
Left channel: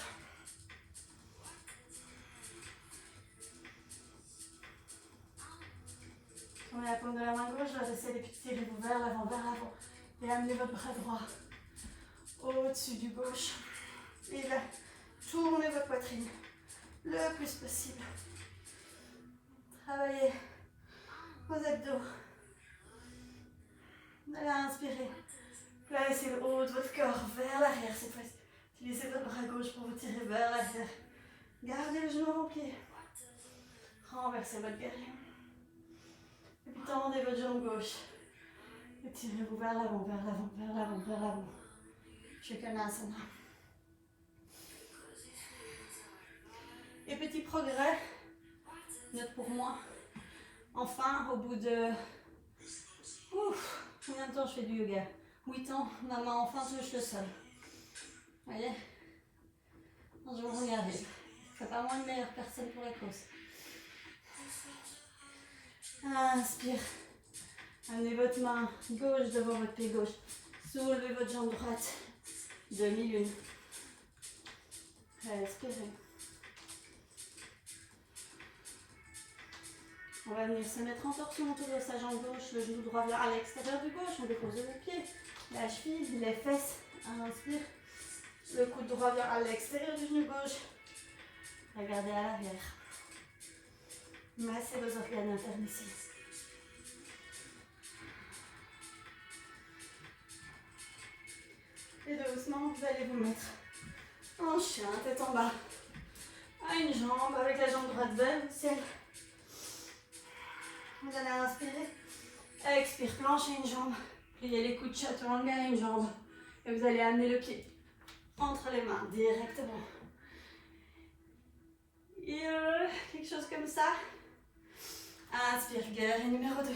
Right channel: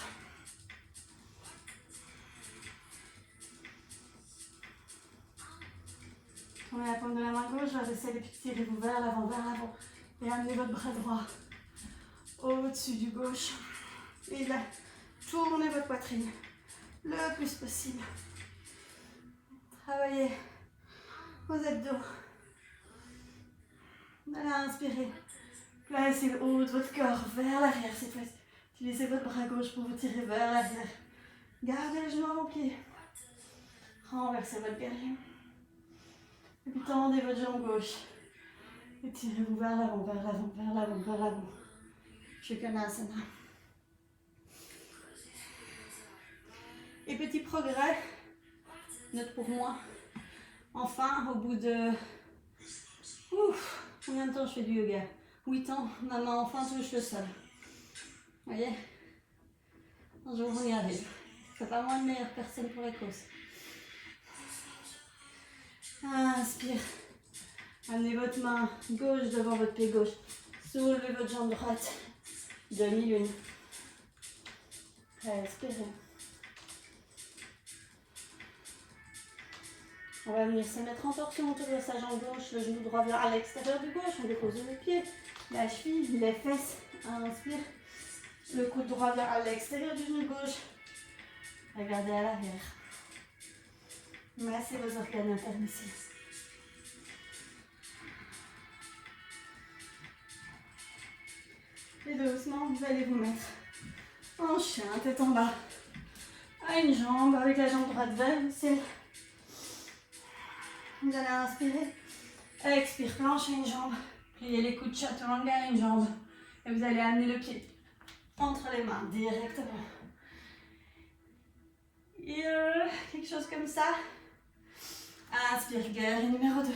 Tournez la paume de la main gauche vers le ciel et puis tirez-vous vers l'avant, et amenez votre bras droit au-dessus du gauche. Et là, tournez votre poitrine le plus possible. Travaillez vos abdos. Allez, inspirez. Placez le haut de votre corps vers l'arrière cette fois-ci. Utilisez votre bras gauche pour vous tirer vers l'arrière. Gardez les genoux à vos pieds. Renversez votre guerrier. Et puis tendez votre jambe gauche. Et tirez-vous vers l'avant, vers l'avant, vers l'avant, vers l'avant. Sukhanasana. Et petit progrès. Note pour moi. Enfin, au bout de... Ouf, combien de temps je fais du yoga? 8 ans, ma main enfin touche le sol. Vous voyez? Un jour on y arrive. C'est pas moi une meilleure personne pour la cause. Inspire. Amenez votre main gauche devant votre pied gauche. Soulevez votre jambe droite. Demi-lune. Respirez. On va venir se mettre en torsion autour de sa jambe gauche. Le genou droit vient à l'extérieur du gauche. On dépose le pied, la cheville, les fesses. Inspire. Le coude droit vient à l'extérieur du genou gauche. Regardez à l'arrière. Massez vos organes internes ici. Et doucement, vous allez vous mettre en chien, tête en bas. à une jambe avec la jambe droite vers le ciel. Vous allez inspirer. Expire, planche à une jambe. Pliez les coudes, chaturanga à une jambe. Et vous allez amener le pied entre les mains directement. Et quelque chose comme ça. Inspire, guerrier numéro 2.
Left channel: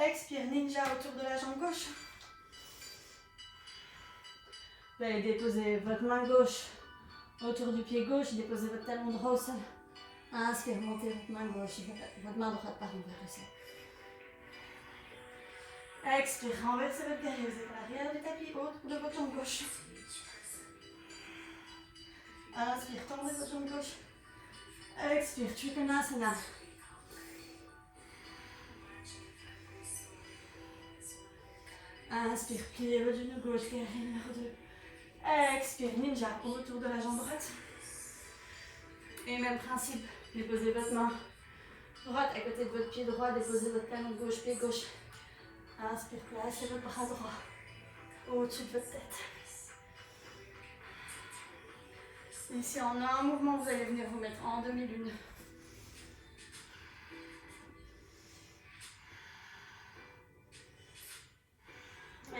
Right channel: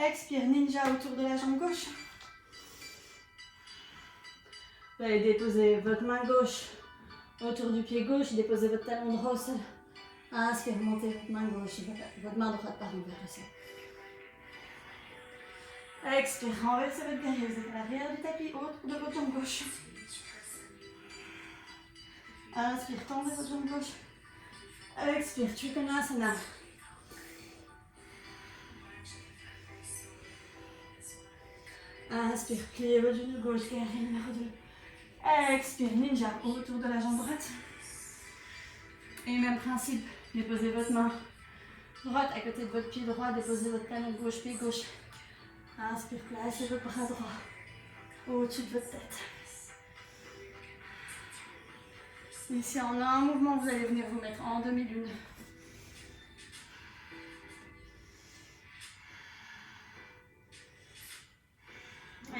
Expire, ninja autour de la jambe gauche. Vous allez déposer votre main gauche autour du pied gauche. Déposez votre talon droit au sol. Inspire, montez votre main gauche, votre main droite pardon, vers le sol. Expire, renversez votre guerrier. Vous êtes à l'arrière du tapis, autour de votre jambe gauche. Inspire, tendez votre jambe gauche. Expire, Trikonasana. Inspire, pliez votre genou gauche, guerrier numéro 2. Expire, ninja, autour de la jambe droite. Et même principe, déposez votre main droite à côté de votre pied droit, déposez votre talon gauche, pied gauche. Inspire, placez votre bras droit au-dessus de votre tête. Ici, en un mouvement, vous allez venir vous mettre en demi-lune.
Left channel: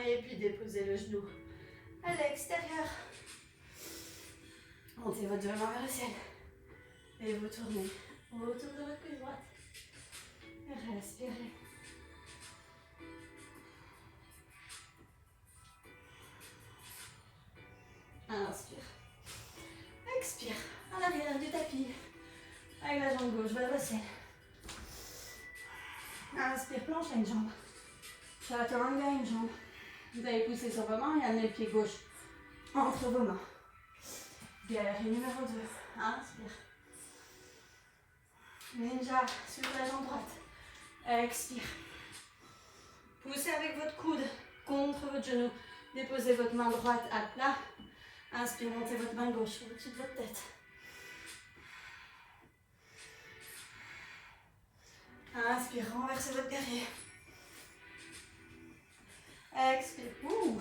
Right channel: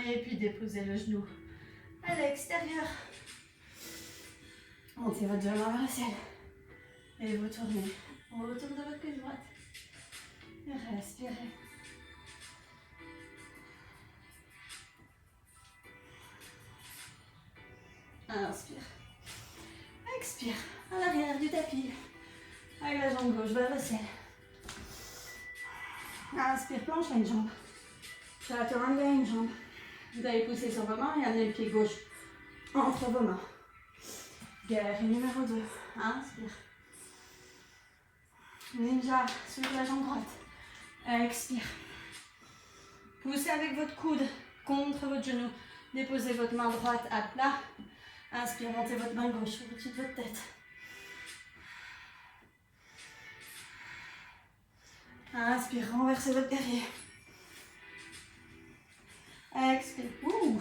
Et puis déposez le genou à l'extérieur. Montez votre genou vers le ciel. Et vous tournez autour de votre cuisse droite. Et respirez. Inspire. Expire. À l'arrière du tapis. Avec la jambe gauche vers le ciel. Inspire, planche à une jambe. Chaturanga à une jambe. Vous allez pousser sur vos mains et amener le pied gauche entre vos mains. Guerrier numéro 2. Inspire. Ninja sur la jambe droite. Expire. Poussez avec votre coude contre votre genou. Déposez votre main droite à plat. Inspire, montez votre main gauche au-dessus de votre tête. Inspire, renversez votre guerrier. Expire. Ouh.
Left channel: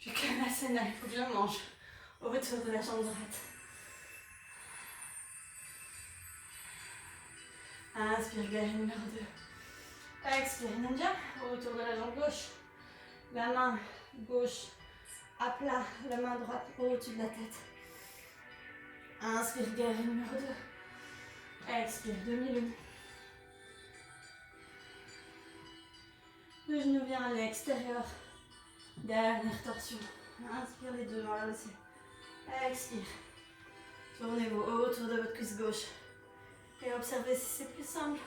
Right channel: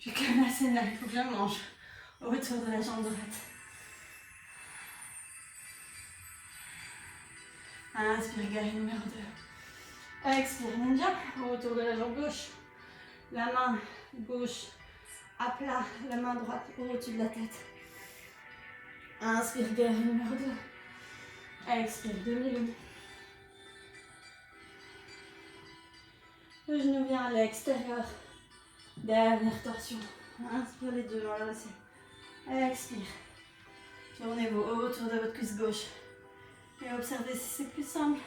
Je suis comme assez là, il faut que je mange autour de la jambe droite. Inspire, guerrier numéro 2. Expire, ninja, autour de la jambe gauche. La main gauche à plat, la main droite au-dessus de la tête. Inspire, guerrier numéro 2. Expire, demi-lune. Le genou vient à l'extérieur. Dernière torsion. Inspire les deux vers le ciel. Expire. Tournez-vous autour de votre cuisse gauche. Et observez si c'est plus simple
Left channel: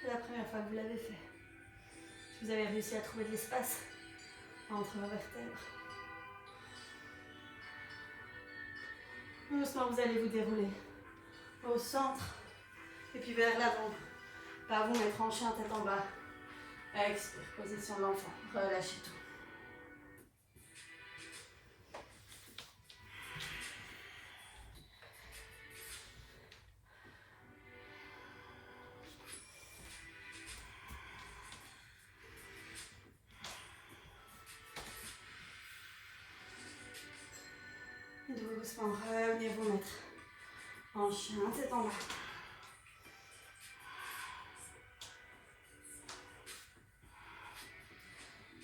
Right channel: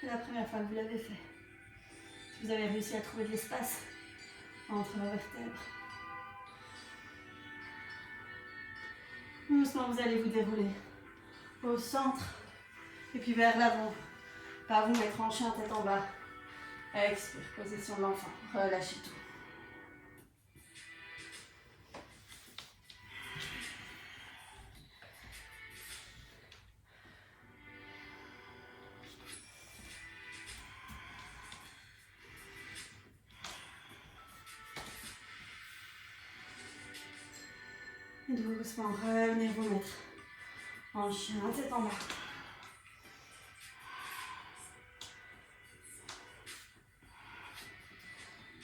que la première fois que vous l'avez fait. Si vous avez réussi à trouver de l'espace entre vos vertèbres. Doucement, vous allez vous dérouler au centre et puis vers l'avant. Par vous mettre en chien, tête en bas. Expire, position de l'enfant. Relâchez tout. Doucement, revenez vous mettre en chien, tête en bas.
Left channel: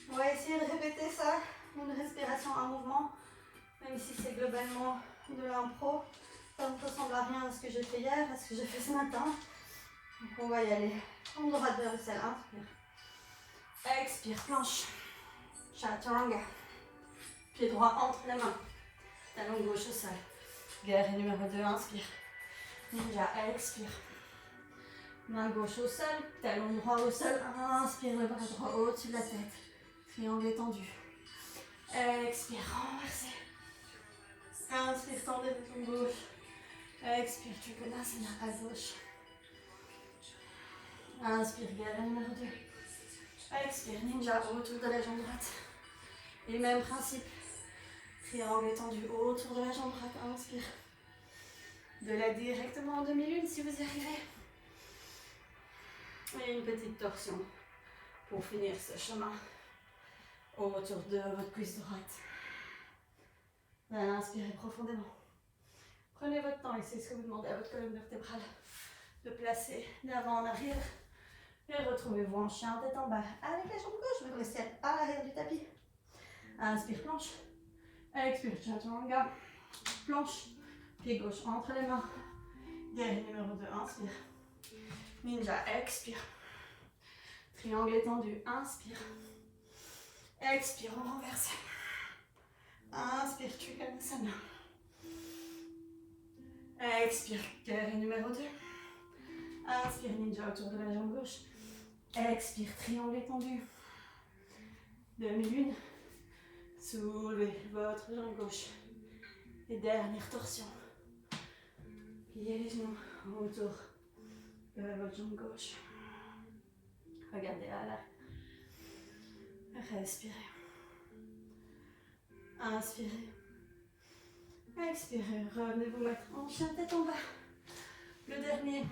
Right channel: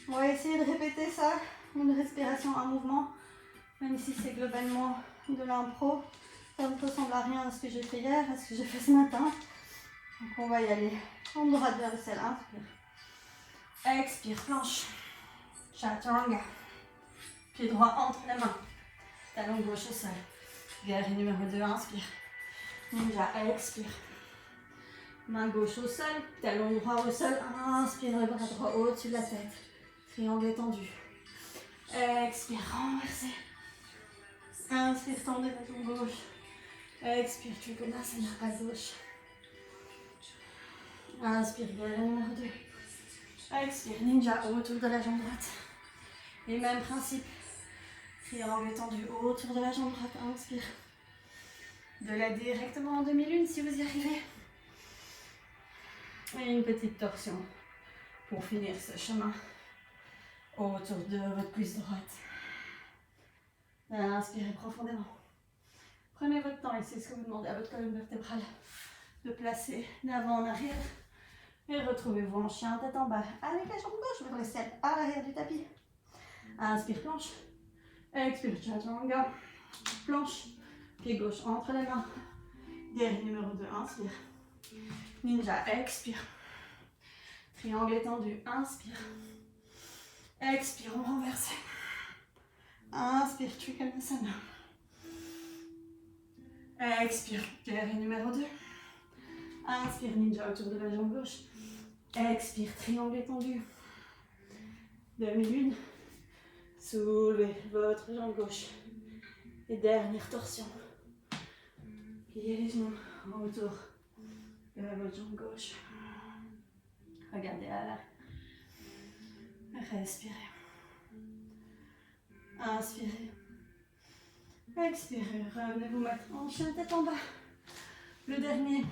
On va essayer de répéter ça, une respiration, un mouvement, même si c'est globalement de l'impro. Ça ne ressemble à rien à ce que j'ai fait hier, à ce que j'ai fait ce matin. Donc on va y aller. Jambe droite vers le ciel, inspire. Expire, planche. Chaturanga. Pied droit entre les mains. Talon gauche au sol. Guerrier numéro 2, inspire. Ninja, expire. Main gauche au sol, talon droit au sol. Inspire, le bras droit au-dessus de la tête. Triangle étendu. Expire, renversez. Inspire, tendez votre jambe gauche. Expire, Trikonasana à gauche. Inspire, guerrier numéro 2. Expire, ninja autour de la jambe droite. Et même principe. Triangle étendu autour de la jambe droite. Inspire. De la directement en demi-lune si vous y arrivez. Et une petite torsion pour finir ce chemin autour de votre cuisse droite. Inspirez profondément. Prenez votre temps ici, ce que vous demandez à votre colonne vertébrale de placer d'avant en arrière. Et retrouvez-vous en chien, tête en bas. Avec la jambe gauche vers le ciel, à l'arrière du tapis. Inspire, planche. Expire, chaturanga. Planche. Pied gauche entre les mains. Guerrier numéro 2, inspire. Ninja, expire. Triangle étendu, inspire. Expire, on renverse. Inspire, Trikonasana. Expire, guerrier numéro 2. Inspire, ninja autour de la jambe gauche. Expire, triangle étendu. Demi-lune. Soulevez votre jambe gauche. Et dernière torsion. Pliez les genoux autour de votre jambe gauche. Regardez à l'arrière. Respirez. Inspirez. Expirez. Revenez vous mettre en chien tête en bas. Le dernier.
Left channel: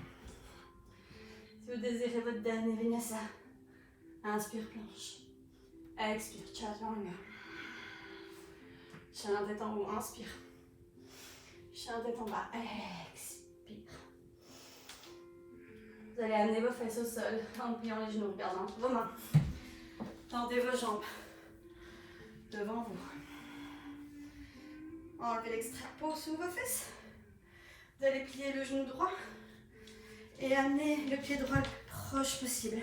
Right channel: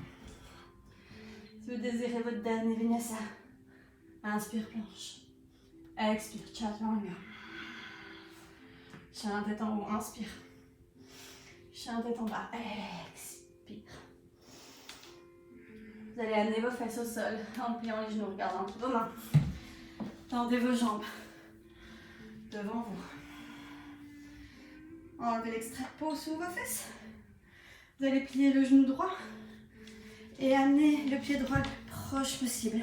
Si vous désirez votre dernier vinyasa. Inspire planche. Expire chaturanga. Chien tête en haut. Inspire. Chien tête en bas. Expire. Vous allez amener vos fesses au sol en pliant les genoux, regardant vos mains. Tendez vos jambes devant vous. Enlevez l'extrait de peau sous vos fesses. Vous allez plier le genou droit et amener le pied droit le plus proche possible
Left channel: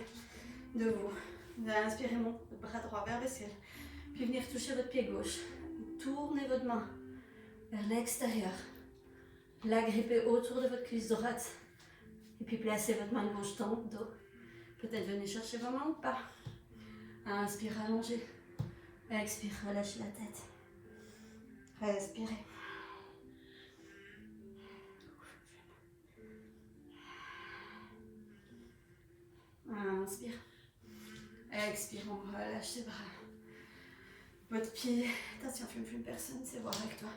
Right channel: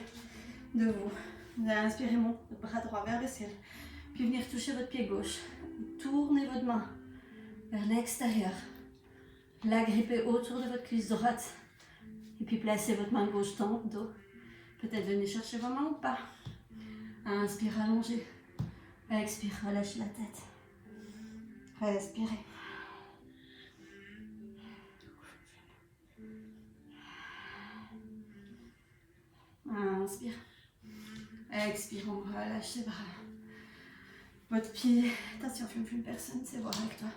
de vous. Vous allez inspirer votre bras droit vers le ciel. Puis venir toucher votre pied gauche. Tournez votre main vers l'extérieur. La grippez autour de votre cuisse droite. Et puis placez votre main gauche dans le dos. Peut-être venez chercher vos mains ou pas. Inspire, allongez. Expire, relâchez la tête. Respirez. Inspire. Expire, on relâche les bras. Votre pied, attention, fume personne, c'est voir avec toi.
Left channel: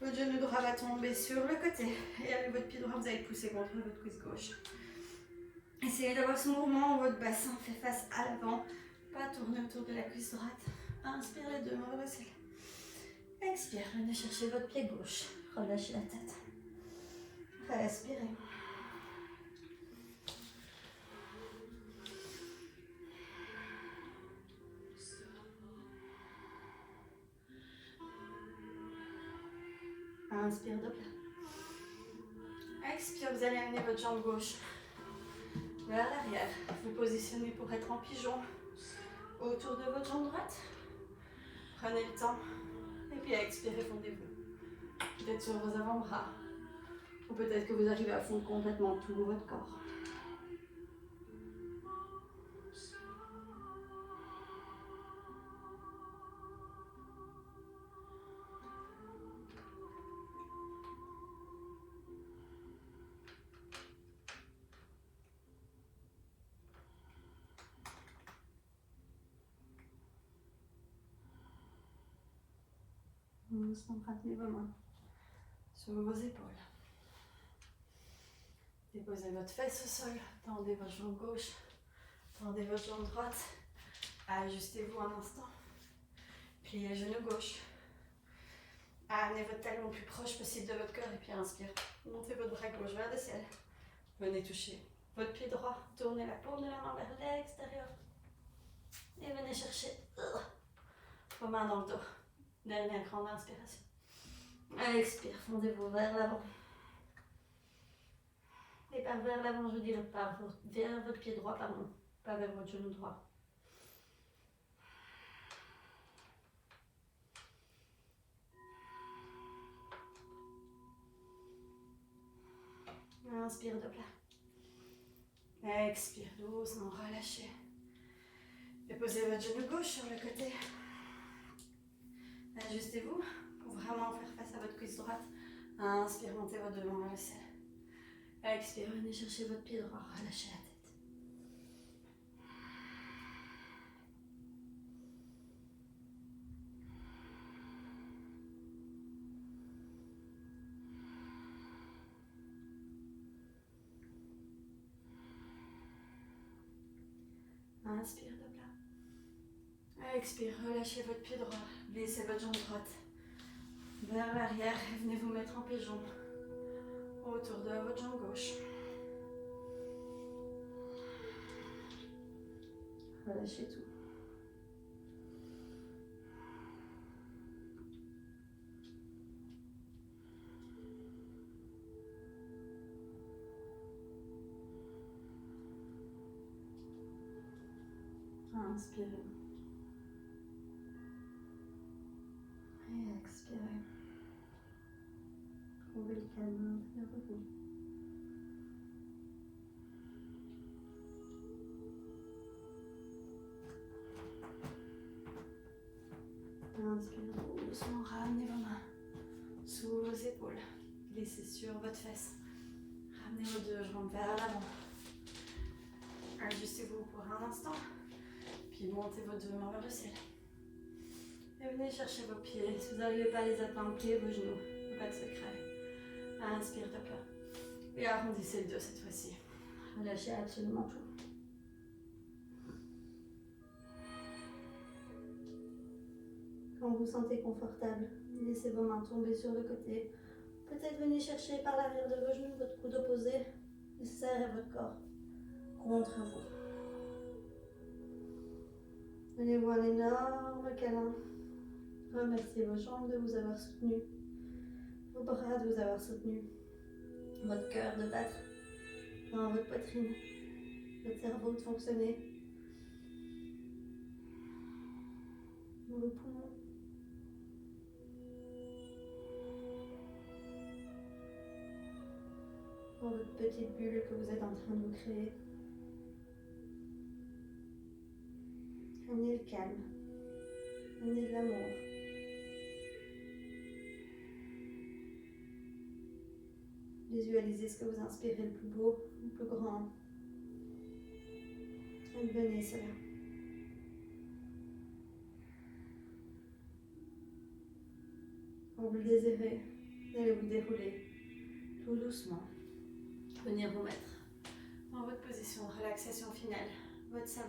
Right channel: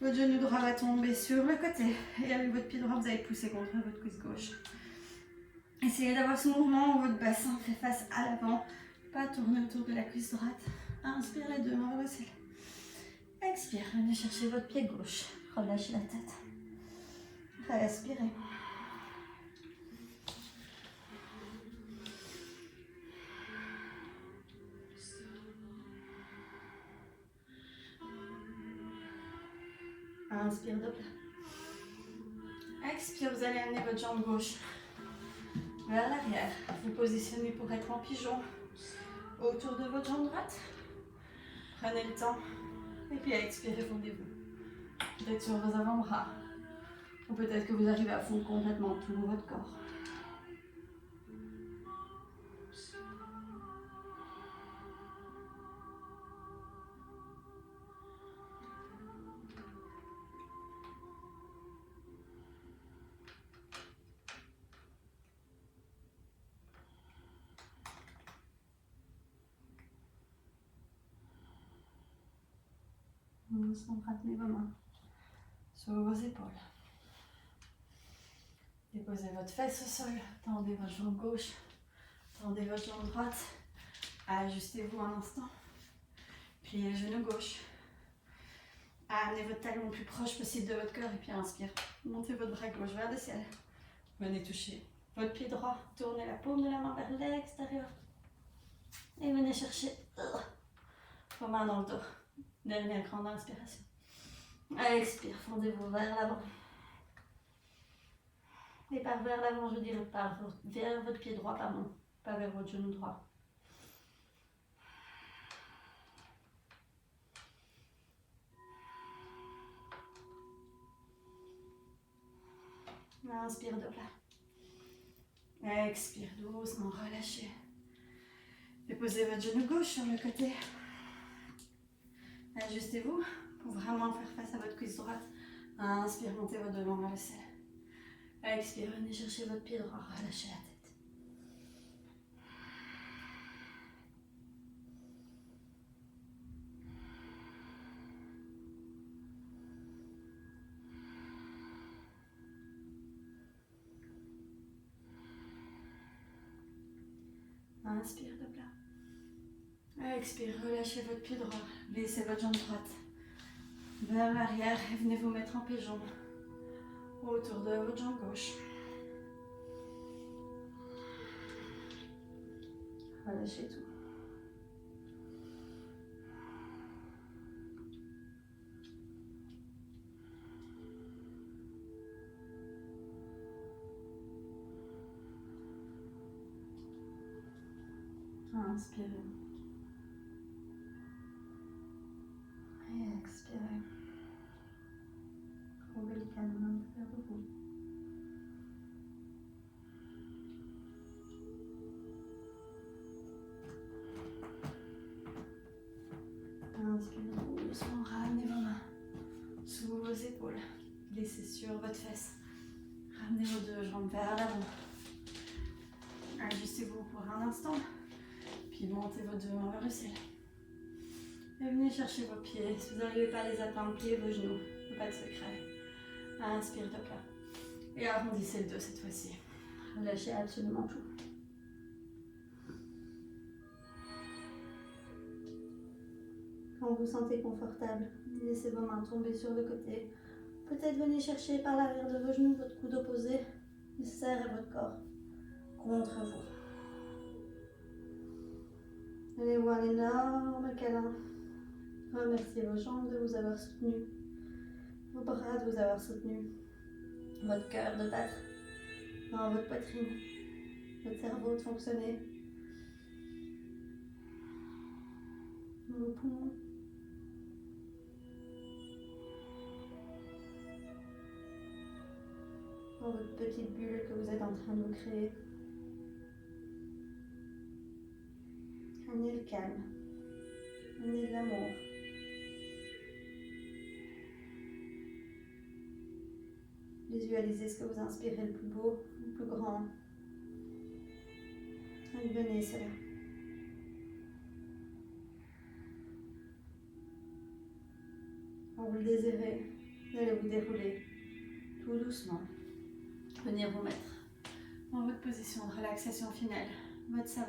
Votre genou droit va tomber sur le côté. Et avec votre pied droit, vous allez pousser contre votre cuisse gauche. Essayez d'avoir ce mouvement où votre bassin fait face à l'avant. Pas tourner autour de la cuisse droite. Inspire les deux mains vers le ciel. Expire, venez chercher votre pied gauche. Relâchez la tête. Respirez. Inspire de plat. Expire, vous allez amener votre jambe gauche vers l'arrière. Vous positionnez pour être en pigeon autour de votre jambe droite. Prenez le temps. Et puis expirez, fondez-vous. Peut-être sur vos avant-bras. Ou peut-être que vous arrivez à fondre complètement tout votre corps. Ramenez vos mains sur vos épaules. Déposez votre fesse au sol. Tendez votre jambe gauche. Tendez votre jambe droite. Ajustez-vous un instant. Pliez le genou gauche. Amenez votre talon le plus proche possible de votre cœur et puis inspire. Montez votre bras gauche vers le ciel. Venez toucher votre pied droit. Tournez la paume de la main vers l'extérieur. Et venez chercher vos mains dans le dos. Dernière grande inspiration. Expire, fondez-vous vers l'avant. Et par vers l'avant, je dirais vers votre pied droit, pardon, pas vers votre genou droit. Inspire de plat. Expire doucement, relâchez. Déposez votre genou gauche sur le côté. Ajustez-vous pour vraiment faire face à votre cuisse droite. Inspire, montez vos deux mains vers le ciel. Expire, venez chercher votre pied droit, relâchez la tête. Inspire de plat. Expire, relâchez votre pied droit. Glissez votre jambe droite vers l'arrière et venez vous mettre en pigeon autour de votre jambe gauche. Relâchez tout. Inspirez. Et expirez. Trouvez le calme à l'intérieur de vous. Inspirez doucement, ramenez vos mains sous vos épaules. Glissez sur votre fesse. Ramenez vos deux jambes vers l'avant. Ajustez-vous pour un instant. Puis montez vos deux mains vers le ciel. Et venez chercher vos pieds. Si vous n'arrivez pas à les atteindre, pliez vos genoux. Pas de secret. Inspire de cœur. Et arrondissez le dos cette fois-ci. Relâchez absolument tout. Quand vous vous sentez confortable, laissez vos mains tomber sur le côté. Peut-être venez chercher par l'arrière de vos genoux votre coude opposé et serrez votre corps contre vous. Donnez-vous un énorme câlin. Remerciez vos jambes de vous avoir soutenu, vos bras de vous avoir soutenu, votre cœur de battre dans votre poitrine, votre cerveau de fonctionner, vos poumons. Dans votre petite bulle que vous êtes en train de vous créer. Amenez le calme, amenez de l'amour. Visualisez ce que vous inspirez le plus beau, le plus grand. Advenez cela. Quand vous le désirez, vous allez vous dérouler tout doucement. Venir vous mettre dans votre position de relaxation finale, votre savane.